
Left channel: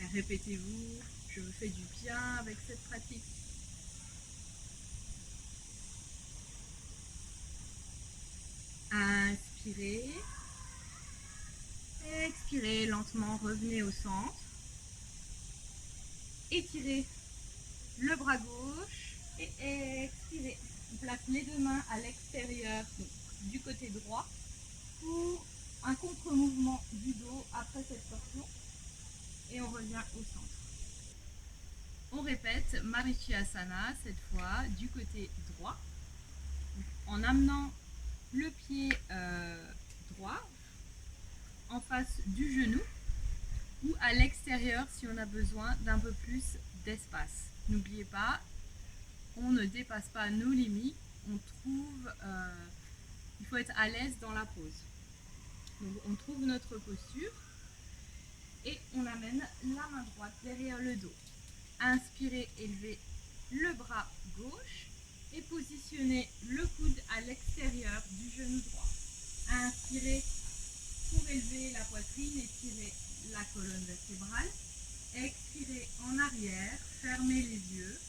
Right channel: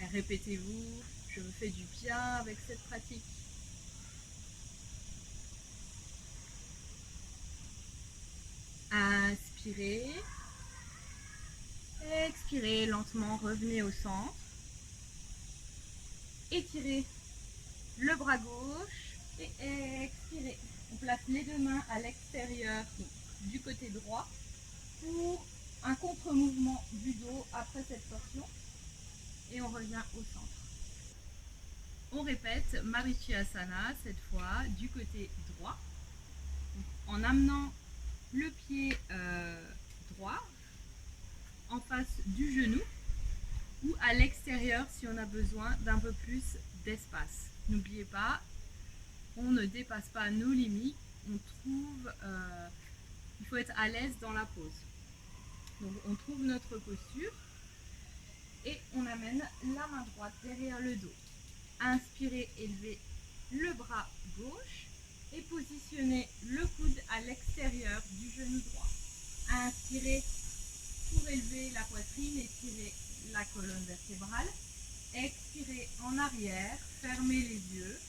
Et répétez-vous, je me fais du bien avec cette pratique. Inspirez. Expirez lentement, revenez au centre. Étirez le bras gauche et expirez. On place les deux mains à l'extérieur du côté droit pour un contre-mouvement du dos après cette torsion. Et on revient au centre. On répète Marichyasana cette fois du côté droit en amenant le pied droit en face du genou ou à l'extérieur si on a besoin d'un peu plus d'espace. N'oubliez pas, on ne dépasse pas nos limites, il faut être à l'aise dans la pose. Donc on trouve notre posture et on amène la main droite derrière le dos. Inspirez, élevez le bras gauche et positionnez le coude à l'extérieur du genou droit. Inspirez pour élever la poitrine, étirez la colonne vertébrale. Expirez en arrière, fermez les yeux.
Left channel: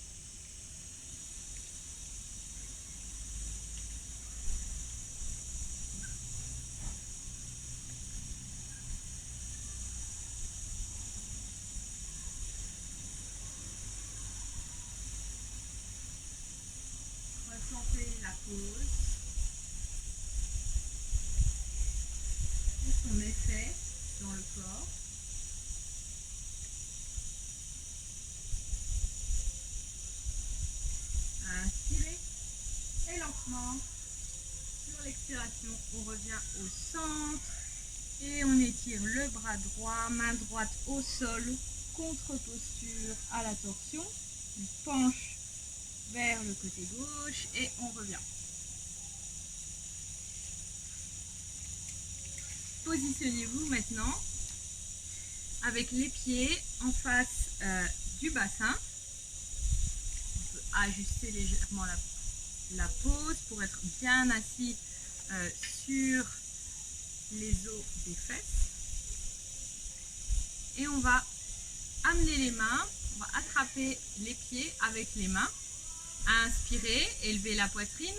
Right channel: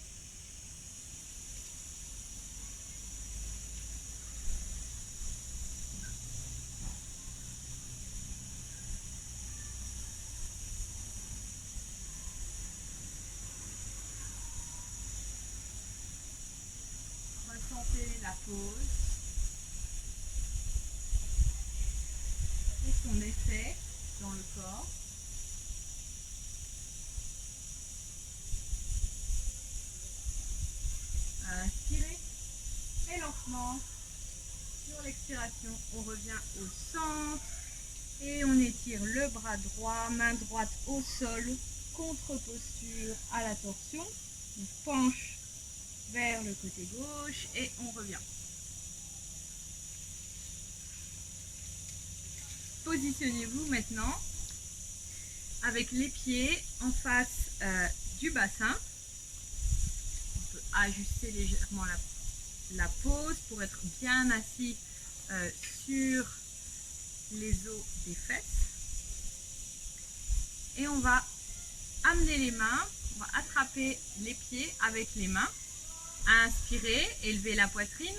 Ressentez la pause et son effet dans le corps. Inspirez et lentement, sur l'expiration, on revient au centre et on étire le bras droit, main droite au sol, contre-posture à la torsion. On penche vers le côté gauche et on revient. Positionnez-vous maintenant avec les pieds en face du bassin. On peut ajuster légèrement la pose pour être bien assis sur les os des fesses. Et on va amener les mains, on va attraper les pieds avec les mains. Inspirez, élevez la poitrine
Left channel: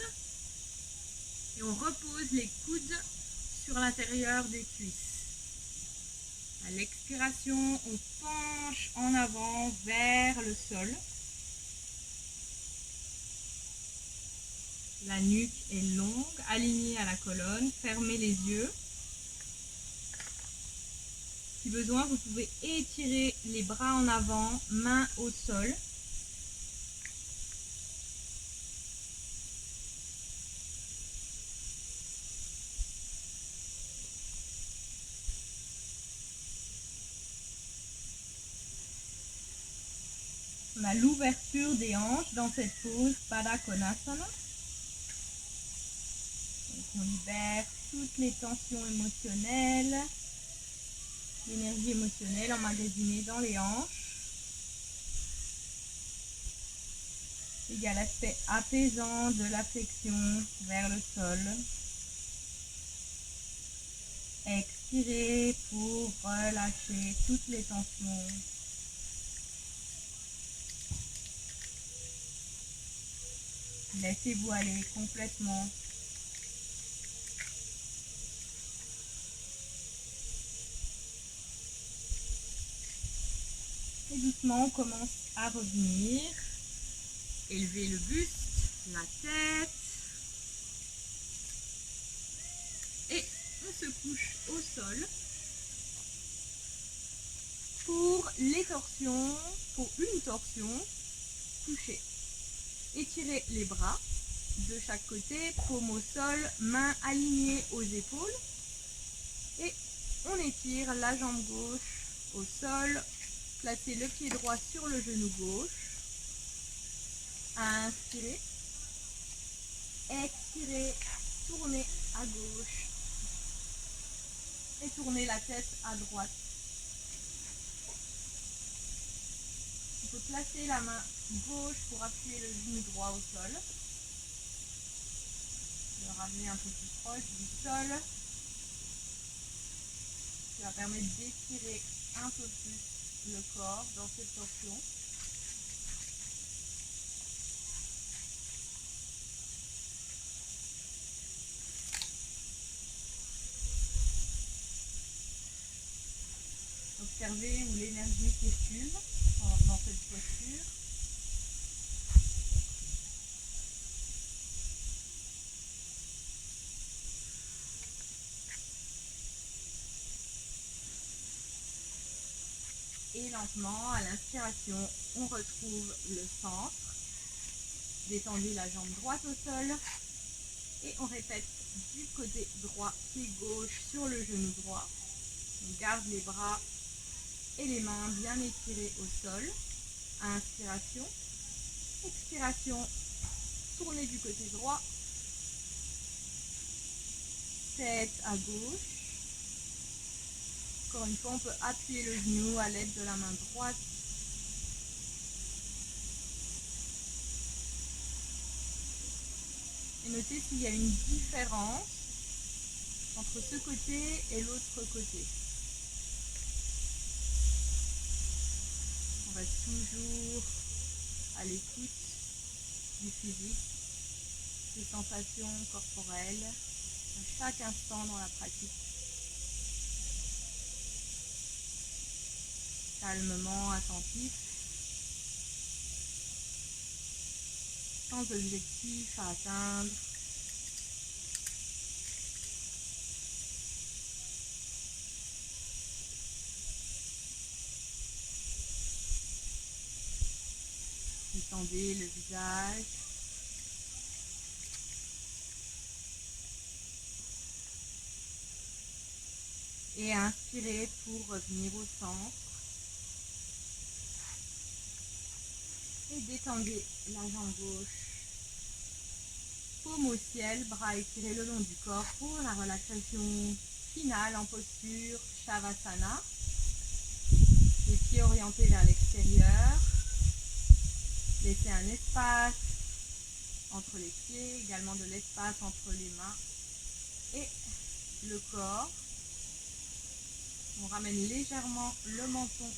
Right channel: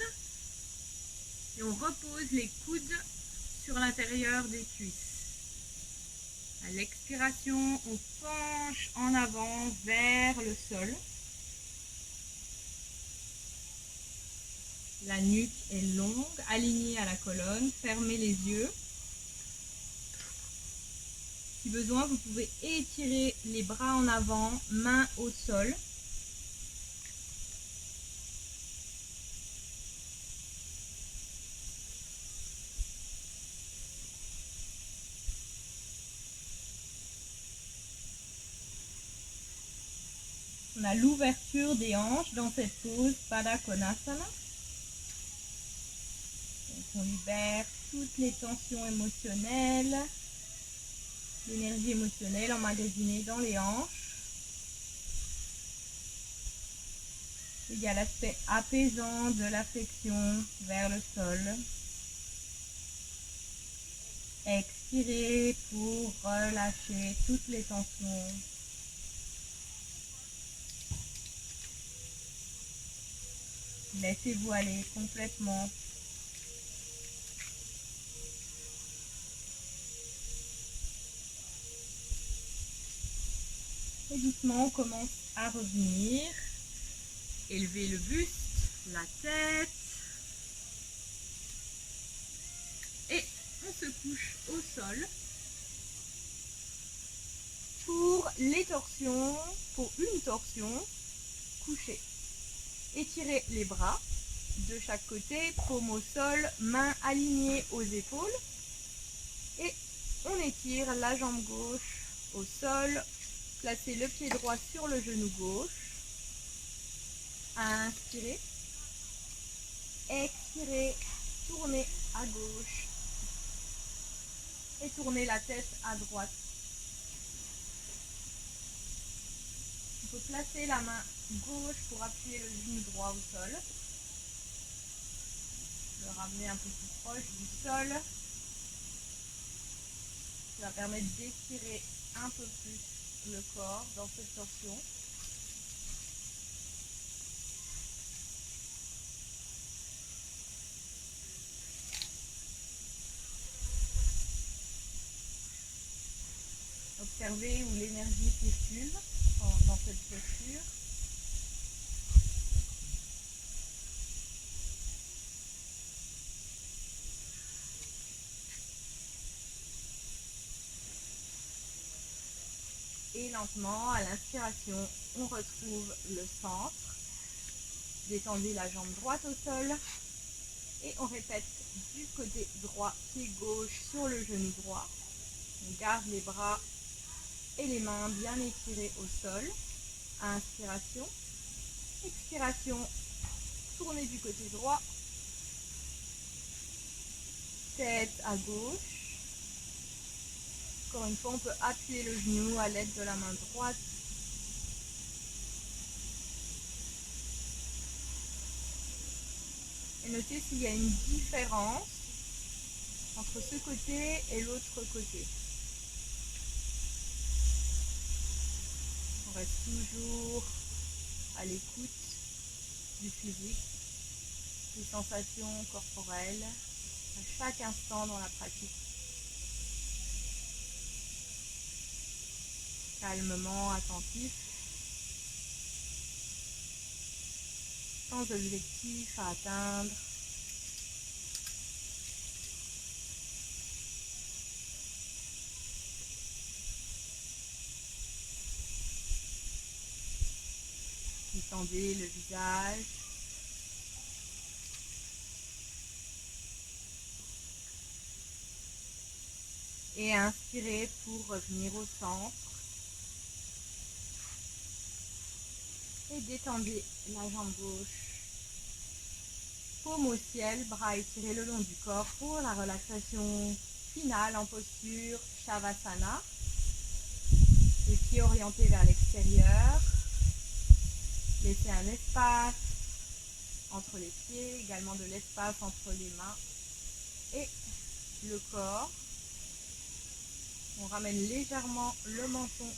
et on repose les coudes sur l'intérieur des cuisses. À l'expiration, on penche en avant vers le sol. La nuque est longue, alignée à la colonne. Fermez les yeux. Si besoin, vous pouvez étirer les bras en avant, mains au sol. On a l'ouverture des hanches dans cette pose Pada Konasana. Donc on libère toutes les tensions émotionnelles, l'énergie émotionnelle emmagasinée dans les hanches. Il y a l'aspect apaisant de la flexion vers le sol. Expirez pour relâcher toutes les tensions. Laissez-vous aller complètement. Et doucement, on commence à revenir. Élevez le buste, la tête. Et on se couche au sol. Pour les torsions, pour une torsion, couchez. Étirez les bras de chaque côté, paume au sol, mains alignées aux épaules. Et on étire la jambe gauche au sol. Placez le pied droit sur le genou gauche. Inspirez. Expirez. Tournez à gauche. Et tournez la tête à droite. On peut placer la main gauche pour appuyer le genou droit au sol. Le ramener un peu plus proche du sol. Ça permet d'étirer un peu plus le corps dans cette torsion. Observez où l'énergie circule dans cette posture. Et lentement, à l'inspiration, on retrouve le centre. Détendez la jambe droite au sol. Et on répète du côté droit, pied gauche sur le genou droit. On garde les bras et les mains bien étirées au sol. Inspiration. Expiration. Tournez du côté droit. Tête à gauche. Encore une fois, on peut appuyer le genou à l'aide de la main droite. Et notez s'il y a une différence entre ce côté et l'autre côté. On reste toujours à l'écoute du physique, des sensations corporelles à chaque instant dans la pratique. Calmement attentif, sans objectif à atteindre. Détendez le visage. Et inspirez pour revenir au centre. Et détendez la jambe gauche. Paume au ciel, bras étirés le long du corps pour la relaxation finale en posture Shavasana. Les pieds orientés vers l'extérieur. Laissez un espace entre les pieds, également de l'espace entre les mains et le corps. On ramène légèrement le menton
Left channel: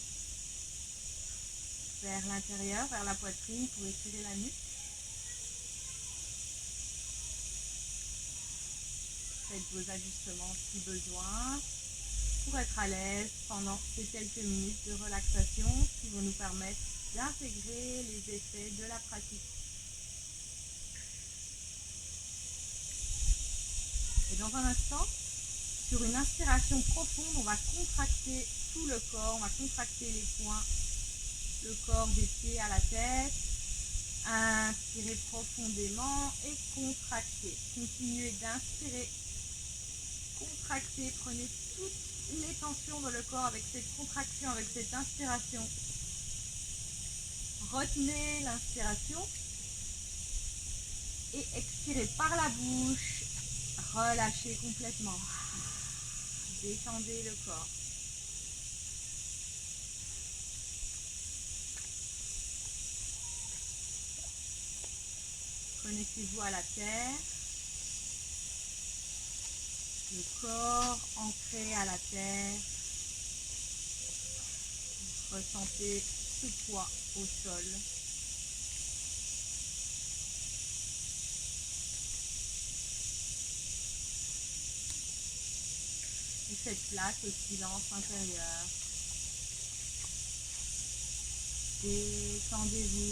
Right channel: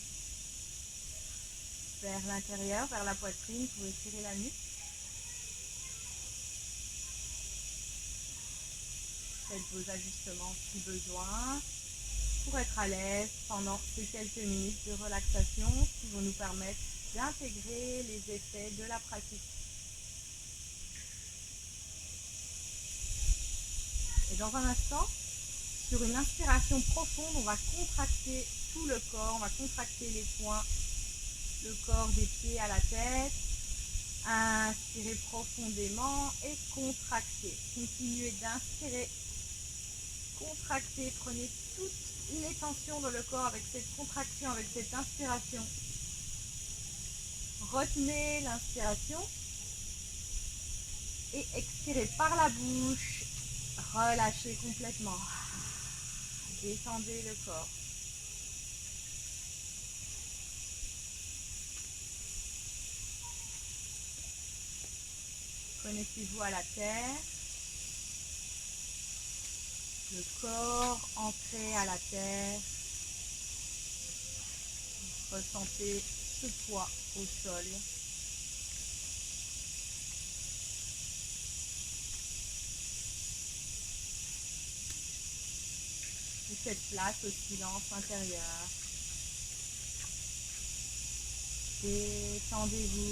vers l'intérieur, vers la poitrine pour étirer la nuque. Faites vos ajustements si besoin pour être à l'aise pendant ces quelques minutes de relaxation qui vont nous permettre d'intégrer les effets de la pratique. Et dans un instant, sur une inspiration profonde, on va contracter tout le corps, on va contracter les poings, le corps des pieds à la tête. Inspirez profondément et contractez. Continuez d'inspirer, contractez, prenez toutes les tensions dans le corps avec cette contraction, avec cette inspiration. Retenez l'inspiration et expirez par la bouche. Relâchez complètement. Détendez le corps. Connectez-vous à la terre. Le corps ancré à la terre. Ressentez ce poids au sol. Et faites place au silence intérieur. Détendez-vous.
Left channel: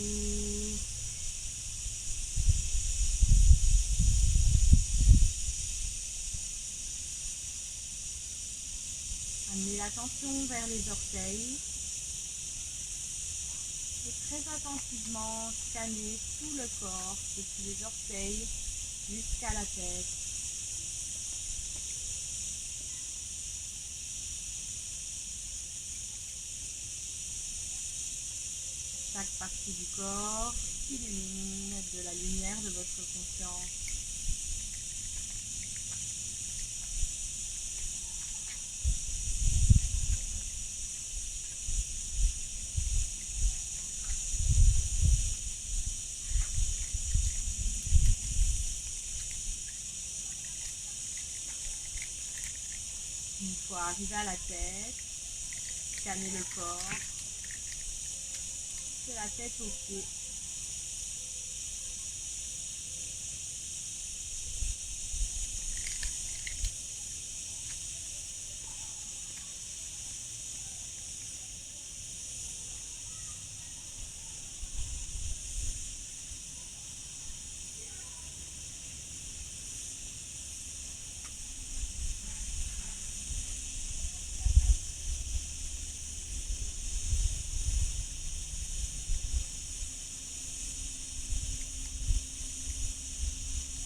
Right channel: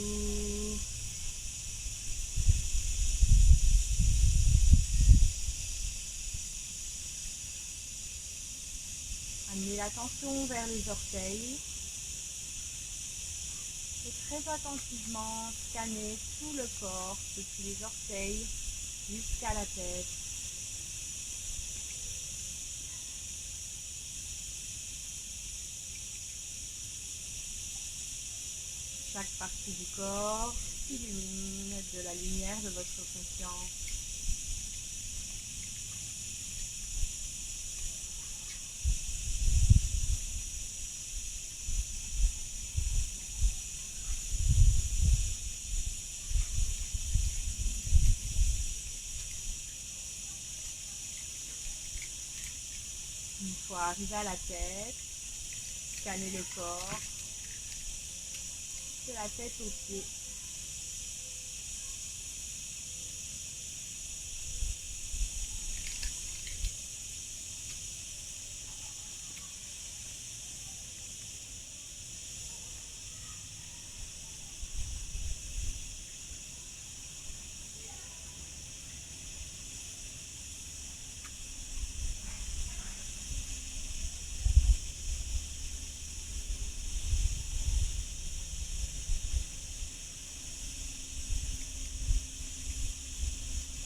Amenez l'attention vers les orteils. Et très attentivement, scanner tout le corps, depuis les orteils jusqu'à la tête. Chaque partie du corps s'illumine de la lumière de votre conscience. Une fois arrivé à la tête, scannez le corps, de la tête aux pieds.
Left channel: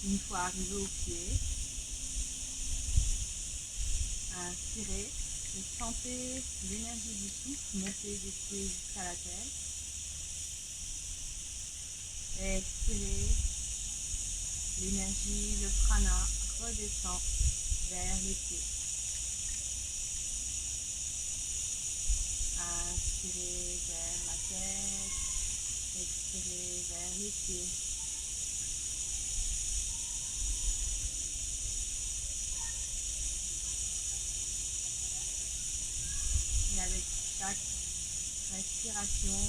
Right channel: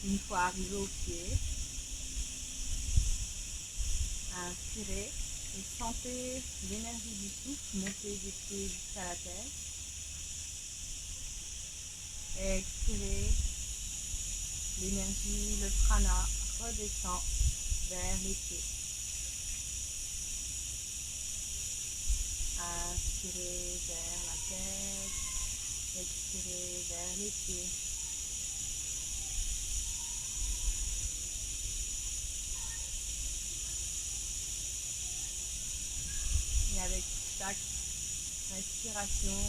Une fois arrivé aux pieds, inspirez et sentez l'énergie du souffle monter des pieds jusqu'à la tête. Expirez, l'énergie, le prana redescend vers les pieds. Inspirez vers la tête, expirez vers les pieds. Et avec chaque respiration,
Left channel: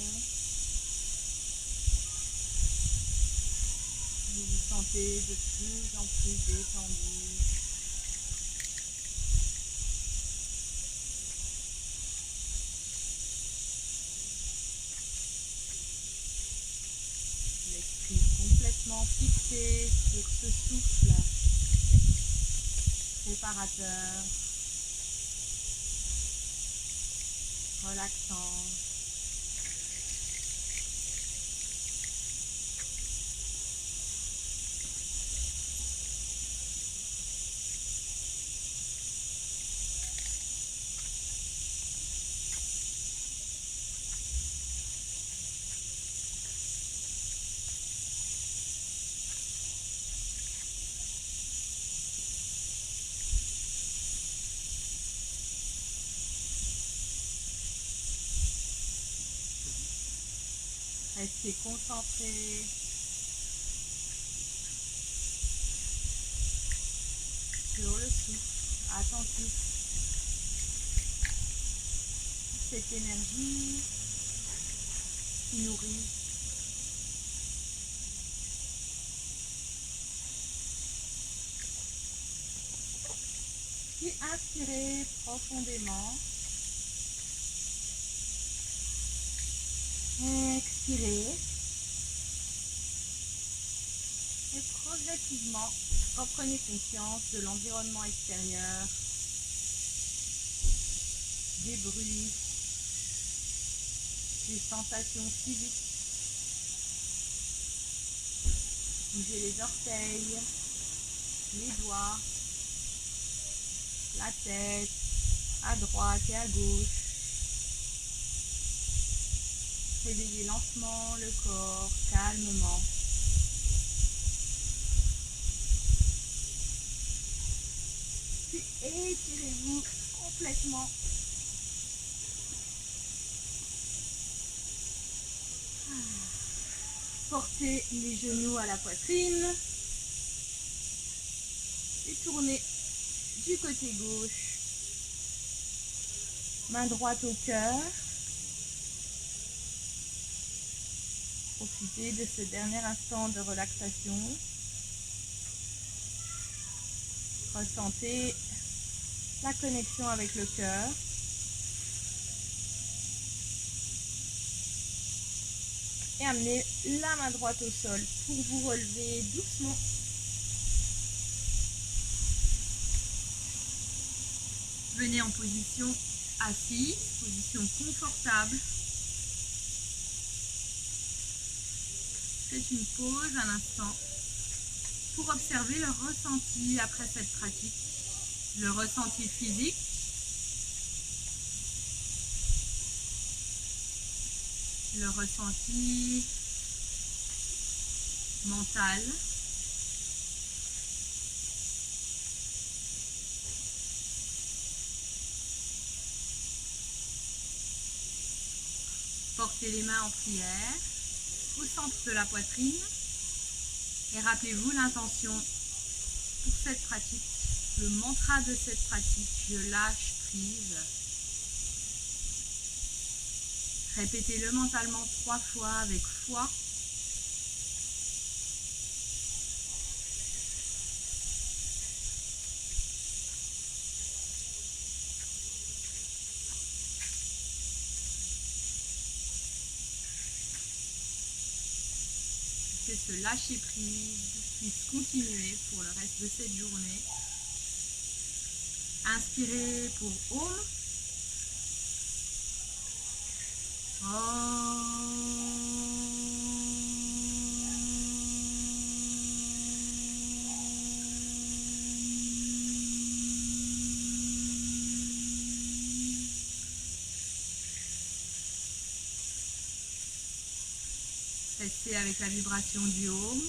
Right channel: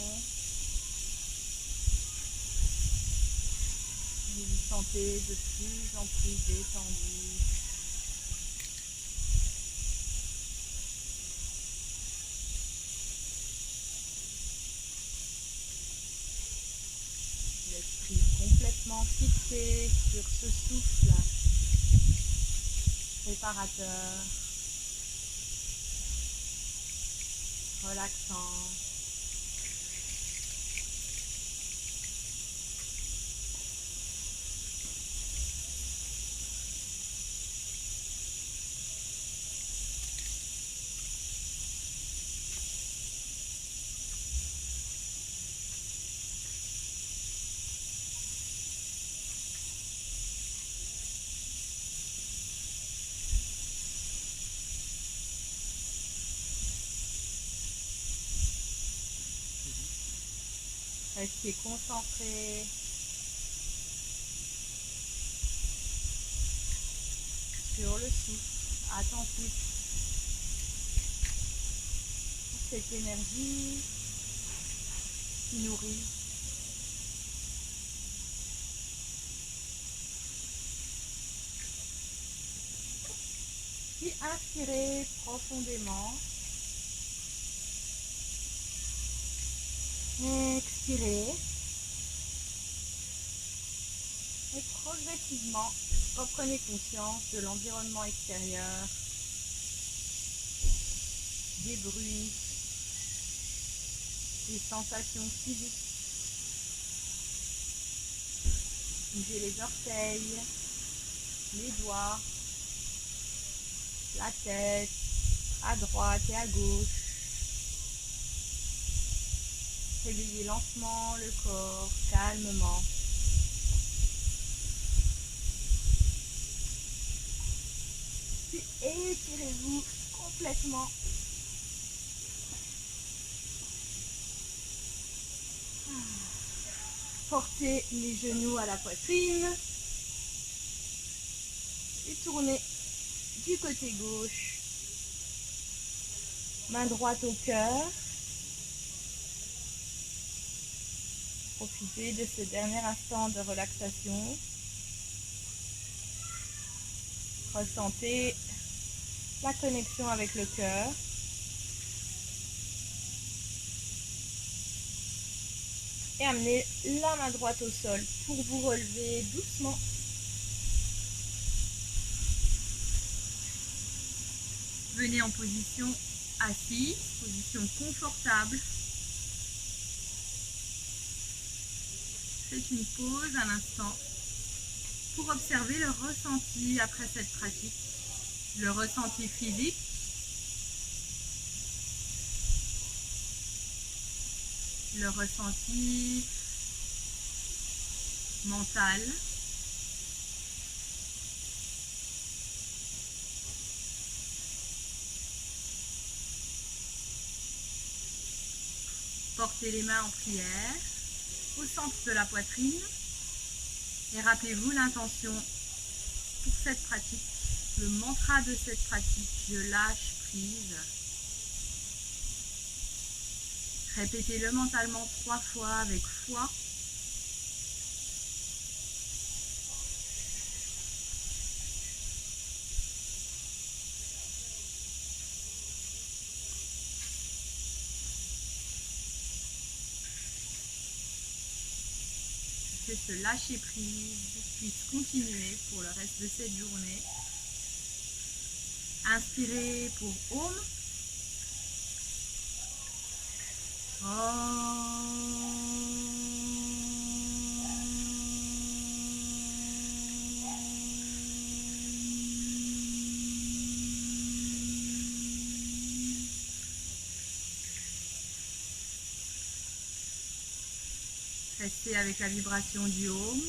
vous vous sentez de plus en plus détendu. L'esprit complètement fixé sur ce souffle réparateur, relaxant. Restez concentré sur le souffle, attentif à cette énergie qui nourrit. Puis inspirez profondément. Expirez. Et progressivement, reprenez conscience de l'environnement extérieur, des bruits, des sensations physiques. Bougez les orteils, les doigts, la tête, à droite et à gauche. Réveillez lentement le corps, calmement. Puis étirez-vous complètement. Portez les genoux à la poitrine. Et tournez du côté gauche. Main droite au cœur. Profitez de ce dernier instant de relaxation. Ressentez la connexion avec le cœur. Et amenez la main droite au sol pour vous relever doucement. Venez en position assise, position confortable. faites une pause un instant pour observer le ressenti après cette pratique, le ressenti physique, le ressenti mental, portez les mains en prière au centre de la poitrine et rappelez-vous l'intention pour cette pratique, le mantra de cette pratique, je lâche prise. Répétez-le mentalement 3 fois avec foi. Que ce lâcher prise puisse continuer pour le reste de cette journée. Inspirez pour Om. Restez avec la vibration du Om.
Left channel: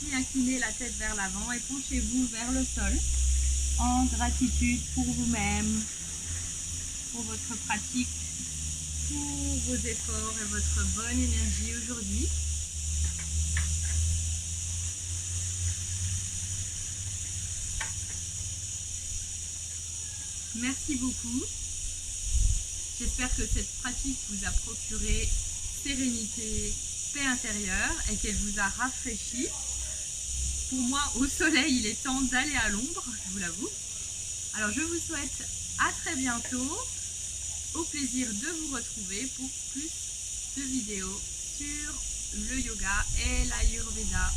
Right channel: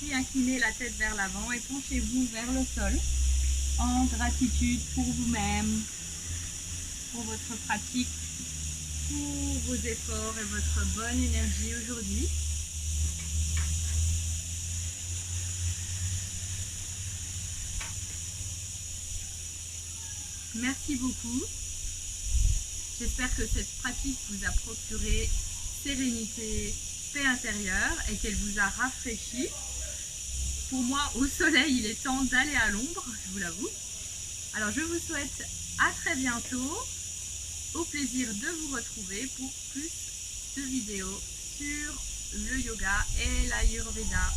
Puis inclinez la tête vers l'avant et penchez-vous vers le sol en gratitude pour vous-même, pour votre pratique, pour vos efforts et votre bonne énergie aujourd'hui. Merci beaucoup. J'espère que cette pratique vous a procuré sérénité, paix intérieure et qu'elle vous a rafraîchi. Pour moi, au soleil, il est temps d'aller à l'ombre, je vous l'avoue. Alors je vous souhaite à très bientôt. Au plaisir de vous retrouver pour plus de vidéos sur le yoga et l'Ayurveda.